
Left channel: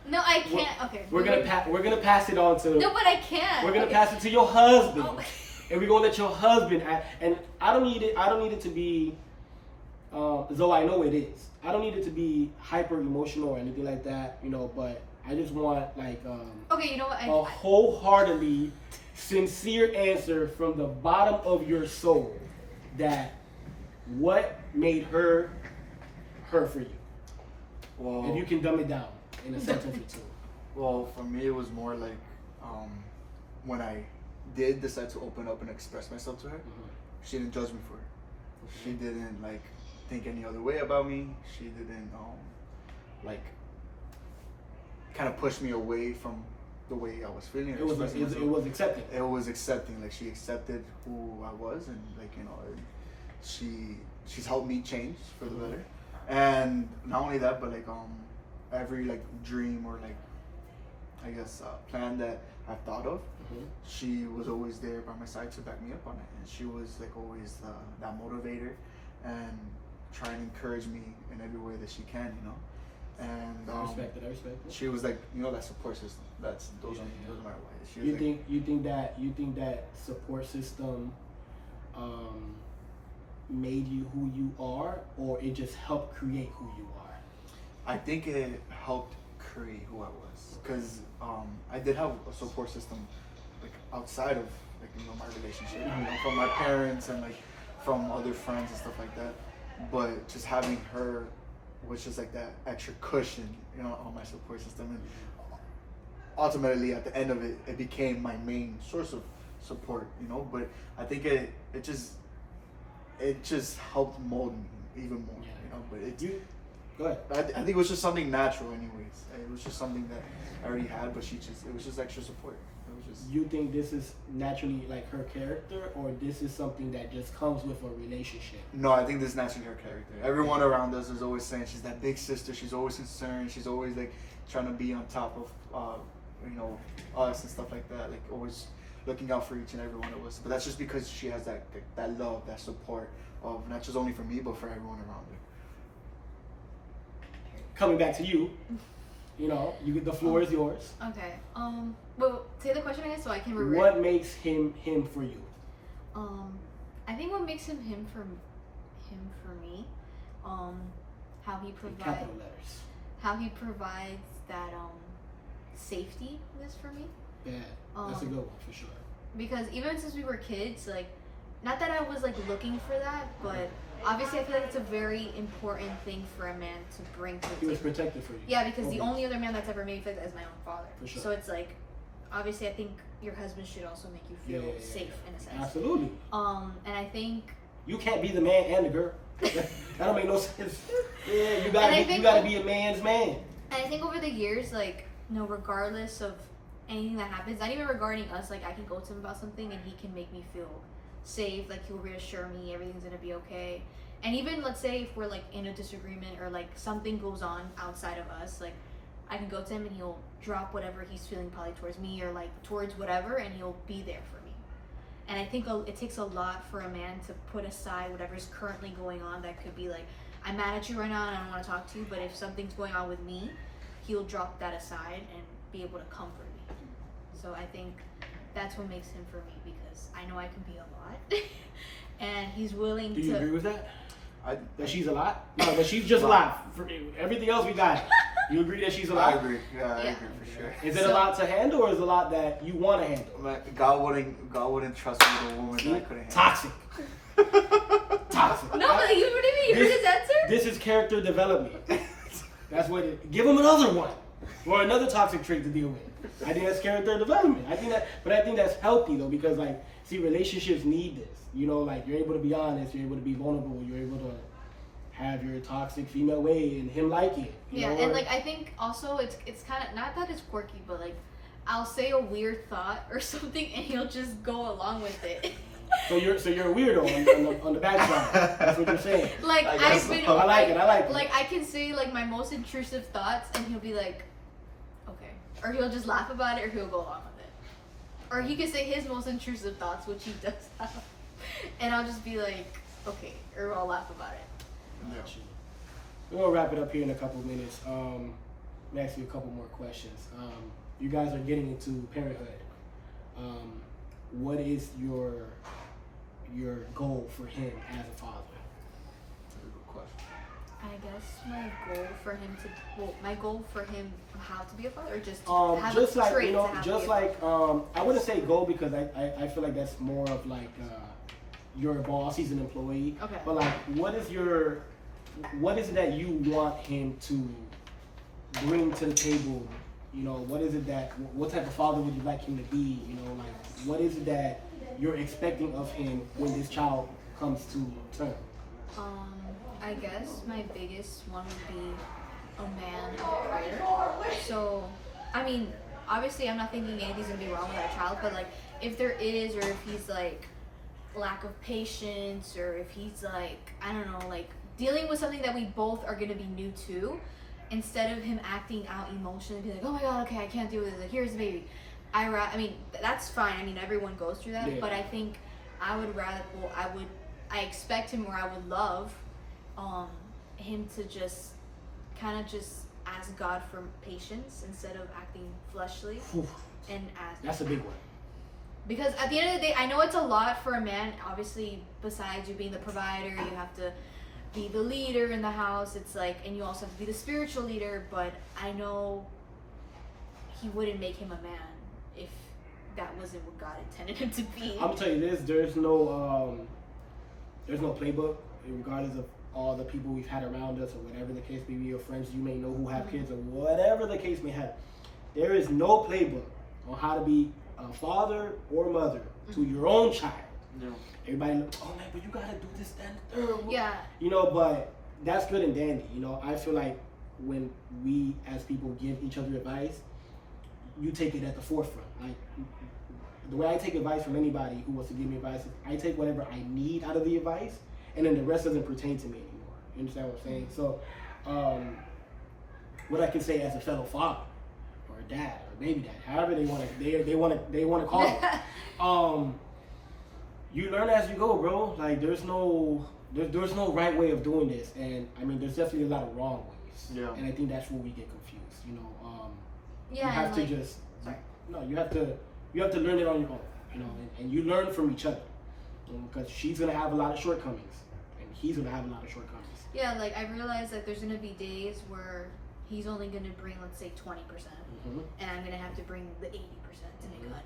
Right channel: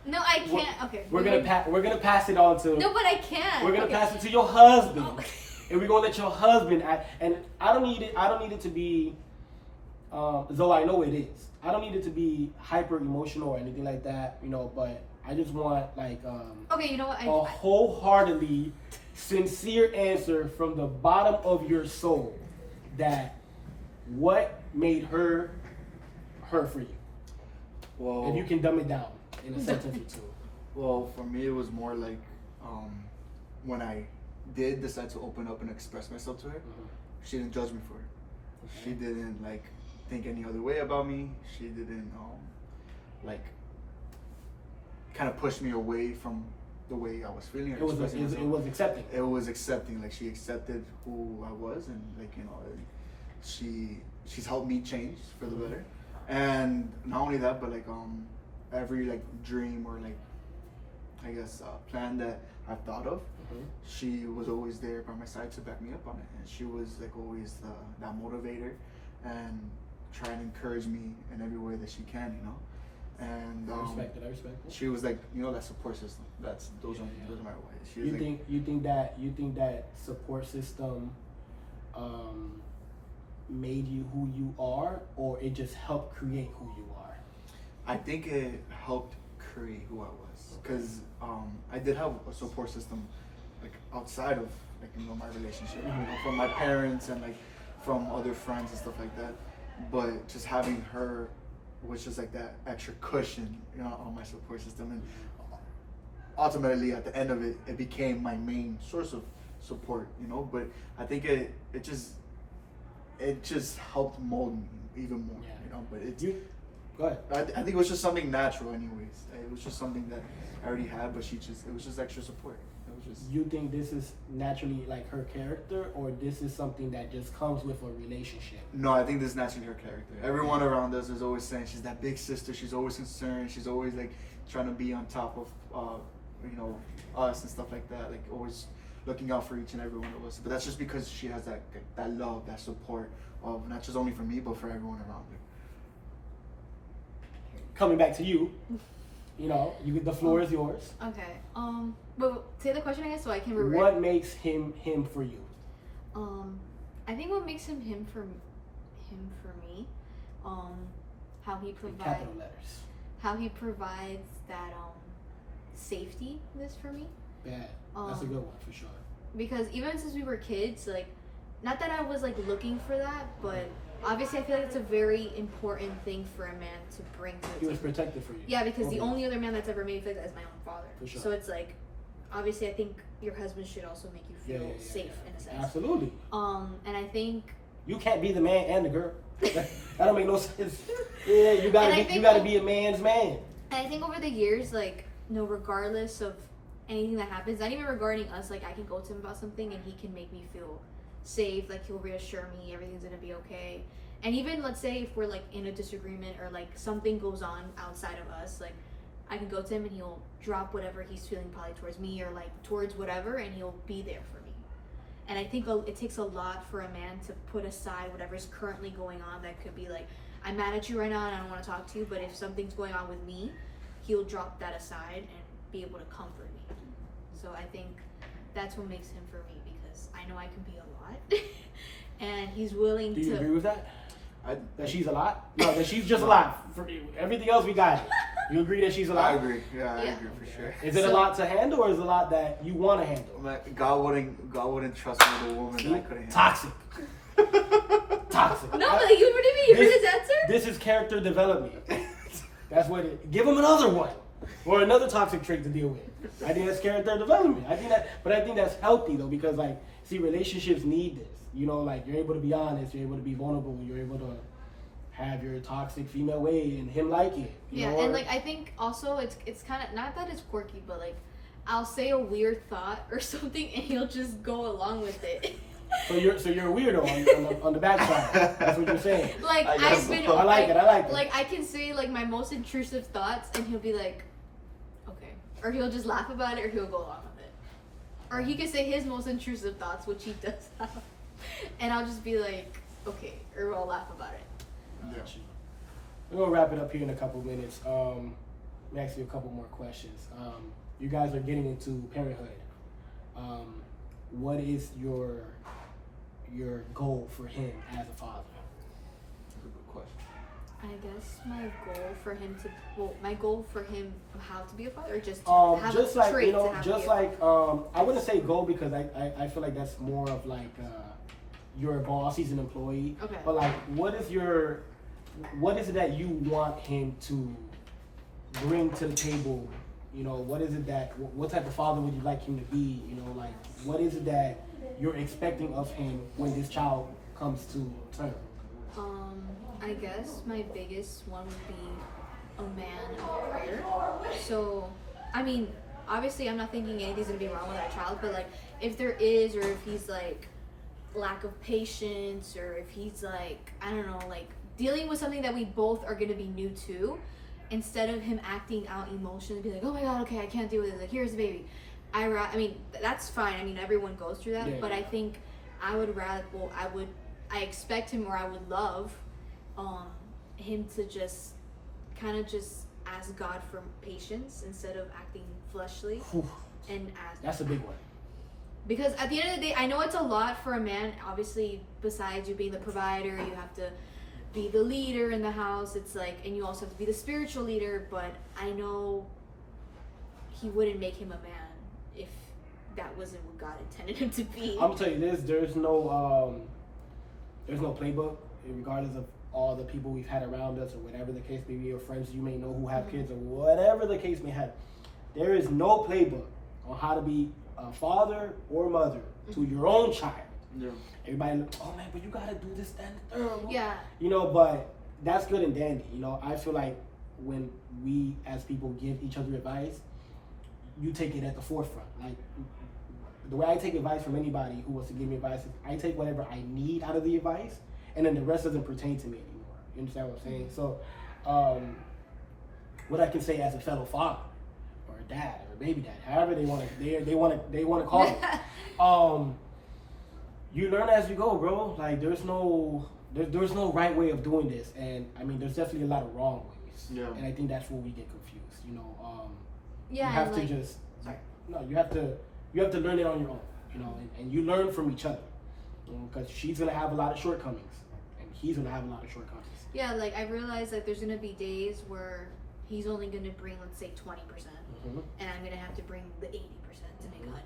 No, I can't. Okay. we're gonna pass it on to. No, but I can't. We're gonna Okay. pass it to your husband, Oh. and we're gonna let your husband. And I don't need it to be. Though I know it is. I don't need it to be hyper emotional or anything like that. You know, but I just want like Okay, you know what? a wholeheartedly sincere answer from the bottom of your soul that what made her for you. Well, If you can dumb it down in a sentence or two. Well, for me, it was more like when I did decide to open up and express myself to her, she didn't judge me for it. She didn't like think any other way about me. She didn't like kind of push me away from the way I was feeling. Or It was expressing myself. it was accepting. It was accepting. Like, she accepted who I was, and like, you know, she's helped me change for the better. And not only that, but like every like dream or like, I guess, plan that I've thought of. Mhm. She was always there by my side to back me up on it, and she was like always that motivator, and try and encourage me in every way that she can, you know. And I respect it. I respect it. she was like, you know, that support system. Those are my ways. She was You like, think that support system made you who you are, or it just helped create who you are? I think it helped create who I was, because I did have a support system like outside of like, you know, my relationship, you know, from my parents and like from other friends and stuff like that. But just having her was just like that extra cushion, you know, on my support system. And ultimately, at the end of it, it became my main source of support, you know. But I think it just helped mold me even more, Yeah. you know. But Go ahead. I think it was just something natural, anyways. It was just something that I already had, but it was just extra support. It was just. You think this is naturally like her character, or this is something that just comes with a relationship? No, I think this is naturally her character. Everyone around us is always saying she's that big sister. She's always concerned. She's always like trying to be on top of, you know, us and stuff like that. Like always looking out for each and every one of us. But that's just because she has that love, that support of not just only for me, but for everyone around her. Coming back to you, you know, the floor is yours. Okay. But say the question again so I can remember. What makes him for you? I think what makes him for me, how he In provides capital letters. that safety this for me. Yeah, that's a good one for sure. Because even since we were kids, like, not that I was like looking for that, but obviously I feel like it's a very important thing for a man to bring to the He was table. protected for you. Yeah, because the Okay. only other man that's ever made me feel like that is my own father. For sure. So it's like, obviously I think your husband should also make you feel safe in a sense. Absolutely. And I think You can't be the man and the girl. That don't make no sense. Yeah, you And I gotta think- be a man's man. And I think over the years, like, no, regardless of anything that happens, not even regarding us, like, I can go to him about something and he can make me feel safe. Like, he'll reassure me everything's gonna be okay. And even, let's say, if we're, like, in a disagreement or, like, something goes on outside of us, like, I can go to him and he'll drop whatever he's feeling probably towards me or, like, towards whatever, and he'll be there for me. And I think it takes a lot for a man to put aside whatever's currently going on. That could be, like, I'm mad at you right now and I don't want to talk to you, but if something's going on with me, he'll drop that aside and be able to comfort me. So I think that's what makes him for me, because I know I can be a lot. And he's willing Do you to. agree with that? I That she's a lot? No, that she's just a lot. For everything else we got. You agree that she's a lot? I agree. Yeah, I Yeah. agree for sure. Is it a So- lot to handle, or is it a lot that you want to handle? God wouldn't trust me with a woman that I couldn't handle. Toxic. Toxic. No, but you, what do you mean? You heard his answer? This is character development. That's what it. Give him another one, or another toxic trait to deal with. I think that's character development. I think that's healthy though, because like, see, relationships need this. You know, like you're able to be honest, you're able to be vulnerable, you're able to have your toxic female way, and him like it. You Yeah, know, and or- like I think also it's kind of, not that it's quirky, but like I'll say a weird thought or something and he'll just go along with it. So you're a weirdo on the bad side. That's what you're saying. Like I guess I've been, so. I like it. I like it. Like I can say like my most intrusive thoughts and he'll be like, okay, or he'll just laugh about it, or he'll go along with it, or he can say his most intrusive thoughts, which he does have, and I'll just be like, okay, or I'll laugh about it. Yeah. We're gonna wrap it up here in a couple minutes. Let me ask you a couple more questions. You guys are getting into parenthood. What is your goal for him as a father? That's a good question. I guess my goal for him how to be a father, or just to have Just a like trait you know, to have just to be like I wouldn't say goal, because I feel like that's more of like your boss. He's an employee. Okay. But like, what is it that you want him to bring to the table? You know, what is it that, what type of father would you like him to be? You know, like, what is it that you're expecting of him when this child comes to term? I guess my biggest one would be a man of prayer. So, I mean, obviously I'm not thinking anything's gonna be wrong with that child, but like, if there is, or if he's like lack of patience, or if he's like, I don't know, like dealing with something that we both are gonna be new to, instead of him acting out emotionally, be like, oh my god, okay, I can't deal with this, like, here's the baby. I mean, that's fine. I mean, everyone goes through that. Yeah. But I think I would rather. Well, I expect him, or I would love, him to just kind of just ask God for patience instead of acting fleshly, Whew. and ask. That's a big one. Because at the end of the day, I know it's a lot for a man. Obviously, besides you being the provider, you have to be the leader in the house. It's like, and you also have to be the spiritual leader. But I know he wouldn't make him a man if that wasn't what God intended him to be. I'm gonna tell you this: there's no playbook, regardless of all the people we've had around us, or whatever the case may be, or friends you may know who have kids, or whatever the case may have. There is no playbook on how to be a father or mother to your own child. Yeah. Everybody, oh man, but you gotta do this, that, and the third. Yeah. You know, but that's good and dandy. You know, I feel like when we as people give each other advice, you take it at the forefront. Like the way I take advice from anybody who wants to give me advice is I take whatever I need out of the advice, and then the rest doesn't pertain to me anymore. You understand what I'm saying? So, what I can say as a fellow father, or a dad, or a baby dad, however they want to call it. You learn as you go, bro. Like there's no right way of doing this, and I mean there's definitely a lot of wrong ways. Yeah. And I think that's where we get confused. You know, Yeah, you have and to like, just sorry. no, you have to learn it on your own. You know, and you learn from each other, because she's gonna have a lot of shortcomings, and he's gonna have a lot of shortcomings. Yeah, like I realized that there's gonna be days where he's only gonna bring, let's say, 20%, and I'm gonna have to bring the 80% to make 100,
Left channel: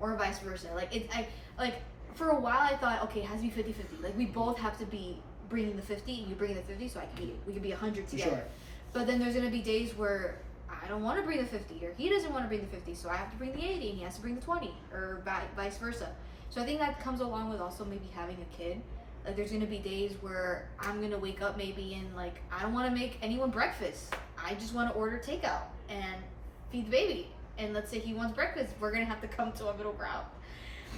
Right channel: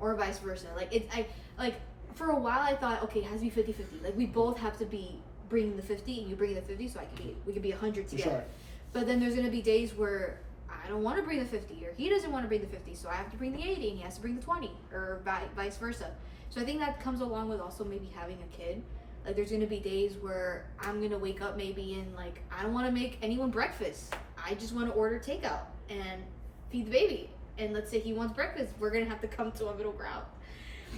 or vice versa. Like for a while I thought, okay, it has to be 50-50. Like we both have to be bringing the 50, and you bring the 50, so we could be 100 together. Sure. But then there's gonna be days where I don't want to bring the 50, or he doesn't want to bring the 50, so I have to bring the 80, and he has to bring the 20, or vice versa. So I think that comes along with also maybe having a kid. Like there's gonna be days where I'm gonna wake up maybe and like I don't want to make anyone breakfast. I just want to order takeout and feed the baby. And let's say he wants breakfast, we're gonna have to come to a middle ground.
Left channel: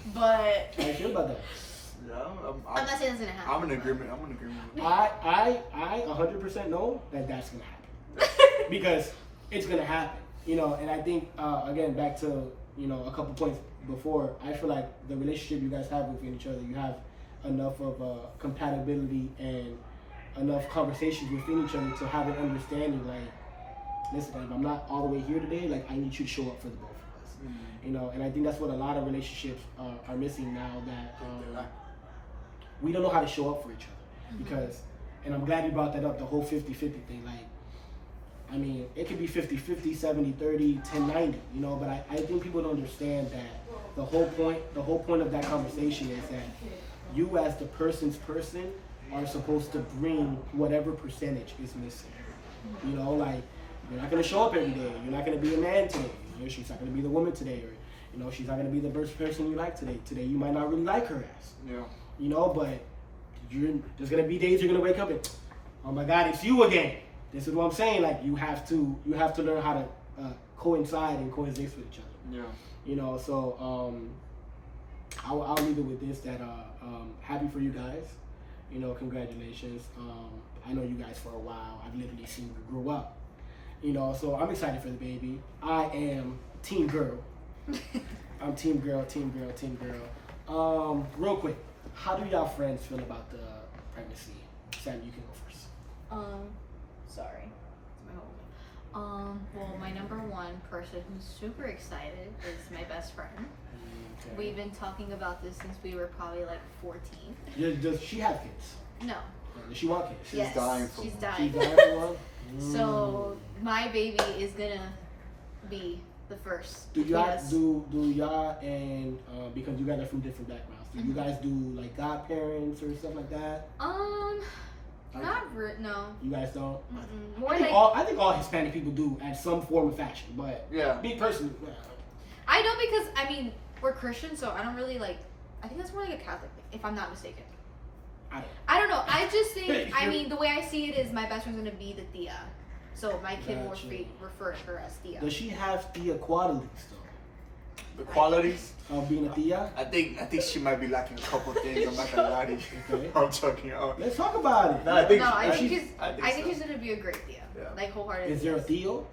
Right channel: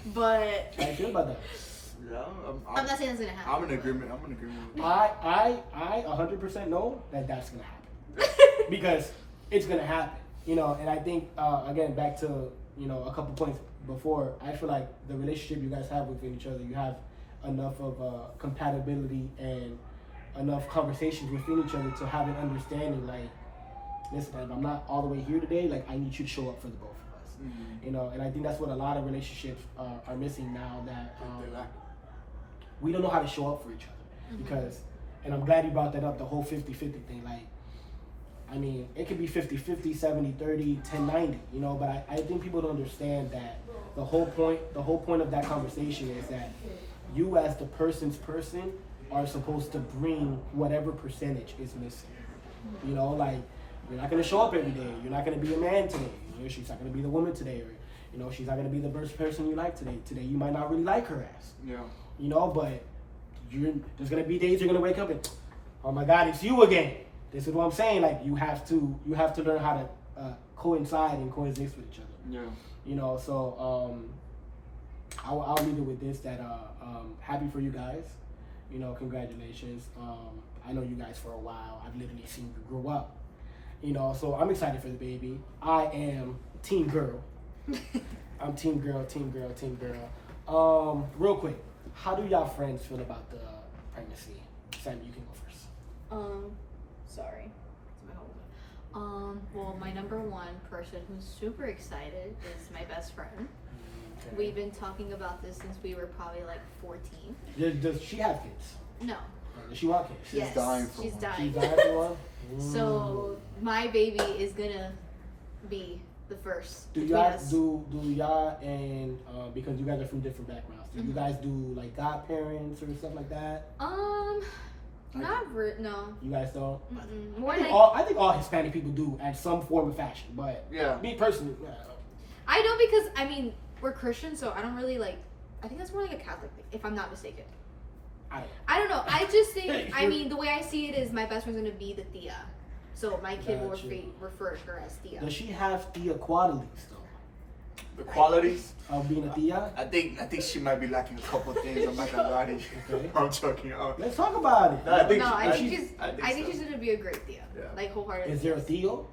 But How you feel about that? Yeah, I'm not saying that's gonna happen. I'm in but- agreement. I'm in agreement. I 100% know that that's gonna happen, because it's gonna happen. You know, and I think again back to a couple points before. I feel like the relationship you guys have with each other, you have enough of compatibility and enough conversations within each other to have an understanding. Like, listen, if I'm not all the way here today, like I need you to show up for the both of us. Mm-hmm. You know, and I think that's what a lot of relationships are missing now. That we don't know how to show up for each other, because, and I'm glad you brought that up, the whole 50-50 thing. Like, I mean, it could be 50-50, 70-30, 10-90, you know, but I think people don't understand that the whole point of that conversation is that you as the person are supposed to bring whatever percentage is missing. You know, like, you're not going to show up every day. You're not going to be a man today. You know, she's not going to be the woman today. Or, you know, she's not going to be the best person you like today. Today, you might not really like her ass. Yeah. You know, but there's going to be days you're going to wake up and, oh my God, it's you again. This is what I'm saying. Like, you have to learn how to coincide and coexist with each other. Yeah. You know, so I'll leave it with this, that happy for you guys. You know, congratulations. I know you guys for a while. I've literally seen you grow up. You know, so I'm excited for the baby. I am team girl. I'm team girl. Real quick, how do y'all friends feel about the pregnancy? Sam, you can go first. Sorry. It's my whole well, my number one person who's super excited is my best friend. We've been talking about this since we were probably like 14. Does she have kids? No. Does she want kids? Yes, dying for she's one. dying. She died for one? So my baby is gonna be the first. Do between y'all us. do y'all and because you guys are from different backgrounds, do you guys do like godparents or stuff like that? No. You guys don't? Mm-mm. More I think, like I think all Hispanic people do at some form of fashion, but Yeah. me personally, I know, because I mean we're Christian, so I don't really like. I think that's more like a Catholic thing, if I'm not mistaken. I don't know. I just think. I mean, the way I see it is my best friend's gonna be the Thea, so my kid will Gotcha. refer to her as Thea. does she have Thea qualities though? The qualities. Of being a Thea? I think she might be lacking a couple things. I'm not gonna lie to you. Okay. I'm joking. Let's talk about it. No, I think- No, I think I think she's so. gonna be a great Thea. Yeah. Like wholeheartedly. Is there a Theo?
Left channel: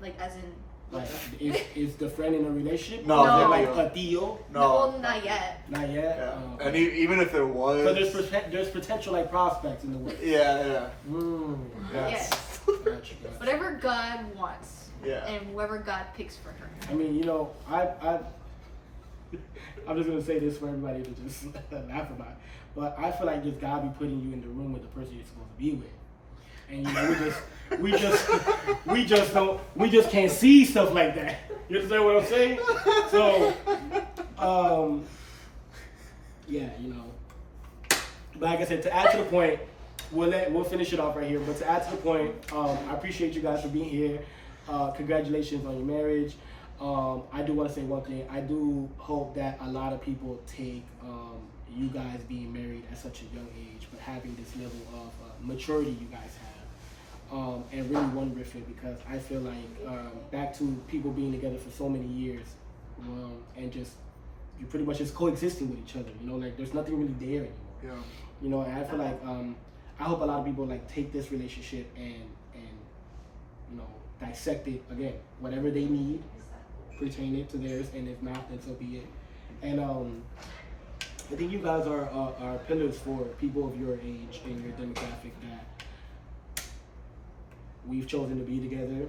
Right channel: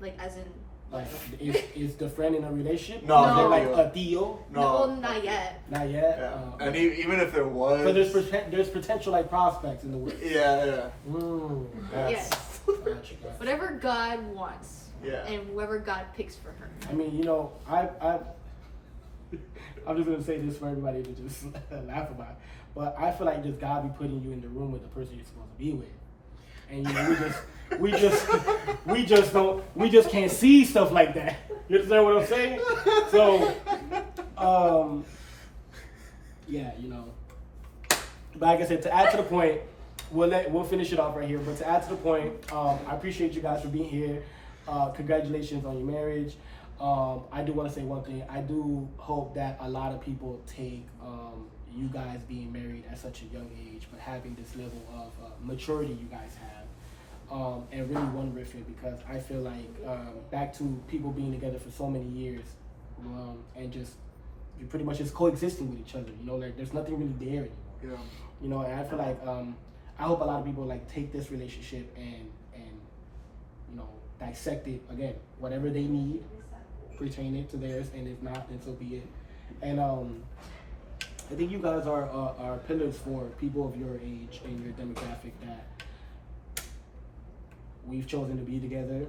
Like as in Like, is the friend in a relationship? No, Is No. there like no. a deal? No, well, not yet. Not yet. Yeah. And even if there was, So there's potential like prospects in the world. yeah. Yes. Gotcha. Whatever God wants. Yeah. And whoever God picks for her. I mean, you know, I'm just gonna say this for everybody to just laugh about it. But I feel like just God be putting you in the room with the person you're supposed to be with. And you know, we just can't see stuff like that. You understand what I'm saying? So, yeah, you know. But like I said, to add to the point, we'll finish it off right here. But to add to the point, I appreciate you guys for being here. Congratulations on your marriage. I do want to say one thing. I do hope that a lot of people take you guys being married at such a young age, but having this level of maturity you guys have, and really run with it, because I feel like back to people being together for so many years, and just you're pretty much just coexisting with each other. You know, like there's nothing really there anymore. Yeah. You know, and I feel like I hope a lot of people like take this relationship and you know, dissect it again. Whatever they need, pertain it to theirs, and if not, then so be it. And I think you guys are pillars for people of your age and your demographic that we've chosen to be together.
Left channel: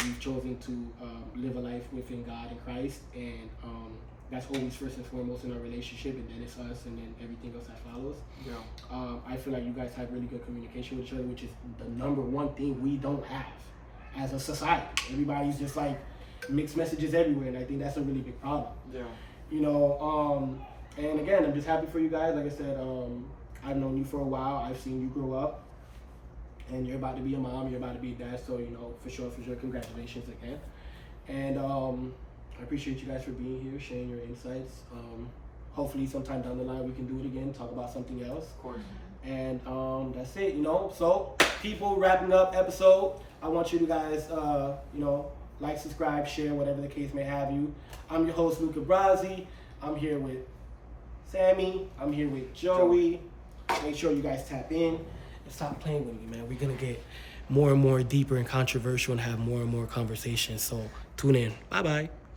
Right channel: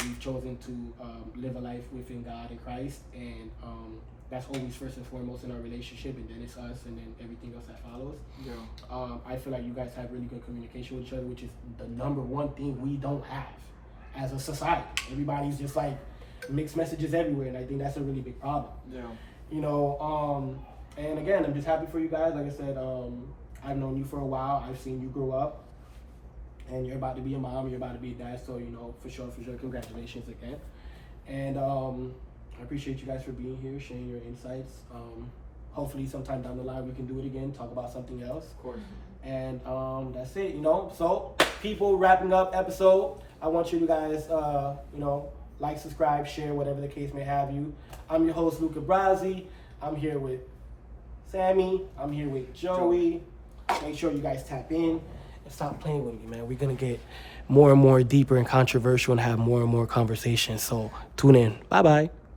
We've chosen to live a life within God and Christ, and that's always first and foremost in our relationship, and then it's us, and then everything else that follows. Yeah. I feel like you guys have really good communication with each other, which is the number one thing we don't have as a society. Everybody's just like mixed messages everywhere, and I think that's a really big problem. Yeah. You know, and again, I'm just happy for you guys. Like I said, I've known you for a while. I've seen you grow up, and you're about to be a mom. You're about to be a dad. So, you know, for sure, congratulations again. And I appreciate you guys for being here, sharing your insights. Hopefully, sometime down the line, we can do it again, talk about something else. Of course. And that's it. You know, so people, wrapping up episode. I want you guys, you know, like, subscribe, share, whatever the case may have you. I'm your host, Luca Brasi. I'm here with Sammy. I'm here with Joey. Make sure you guys tap in and stop playing with me, man. We're going to get more and more deeper and controversial and have more and more conversations. So tune in. Bye-bye.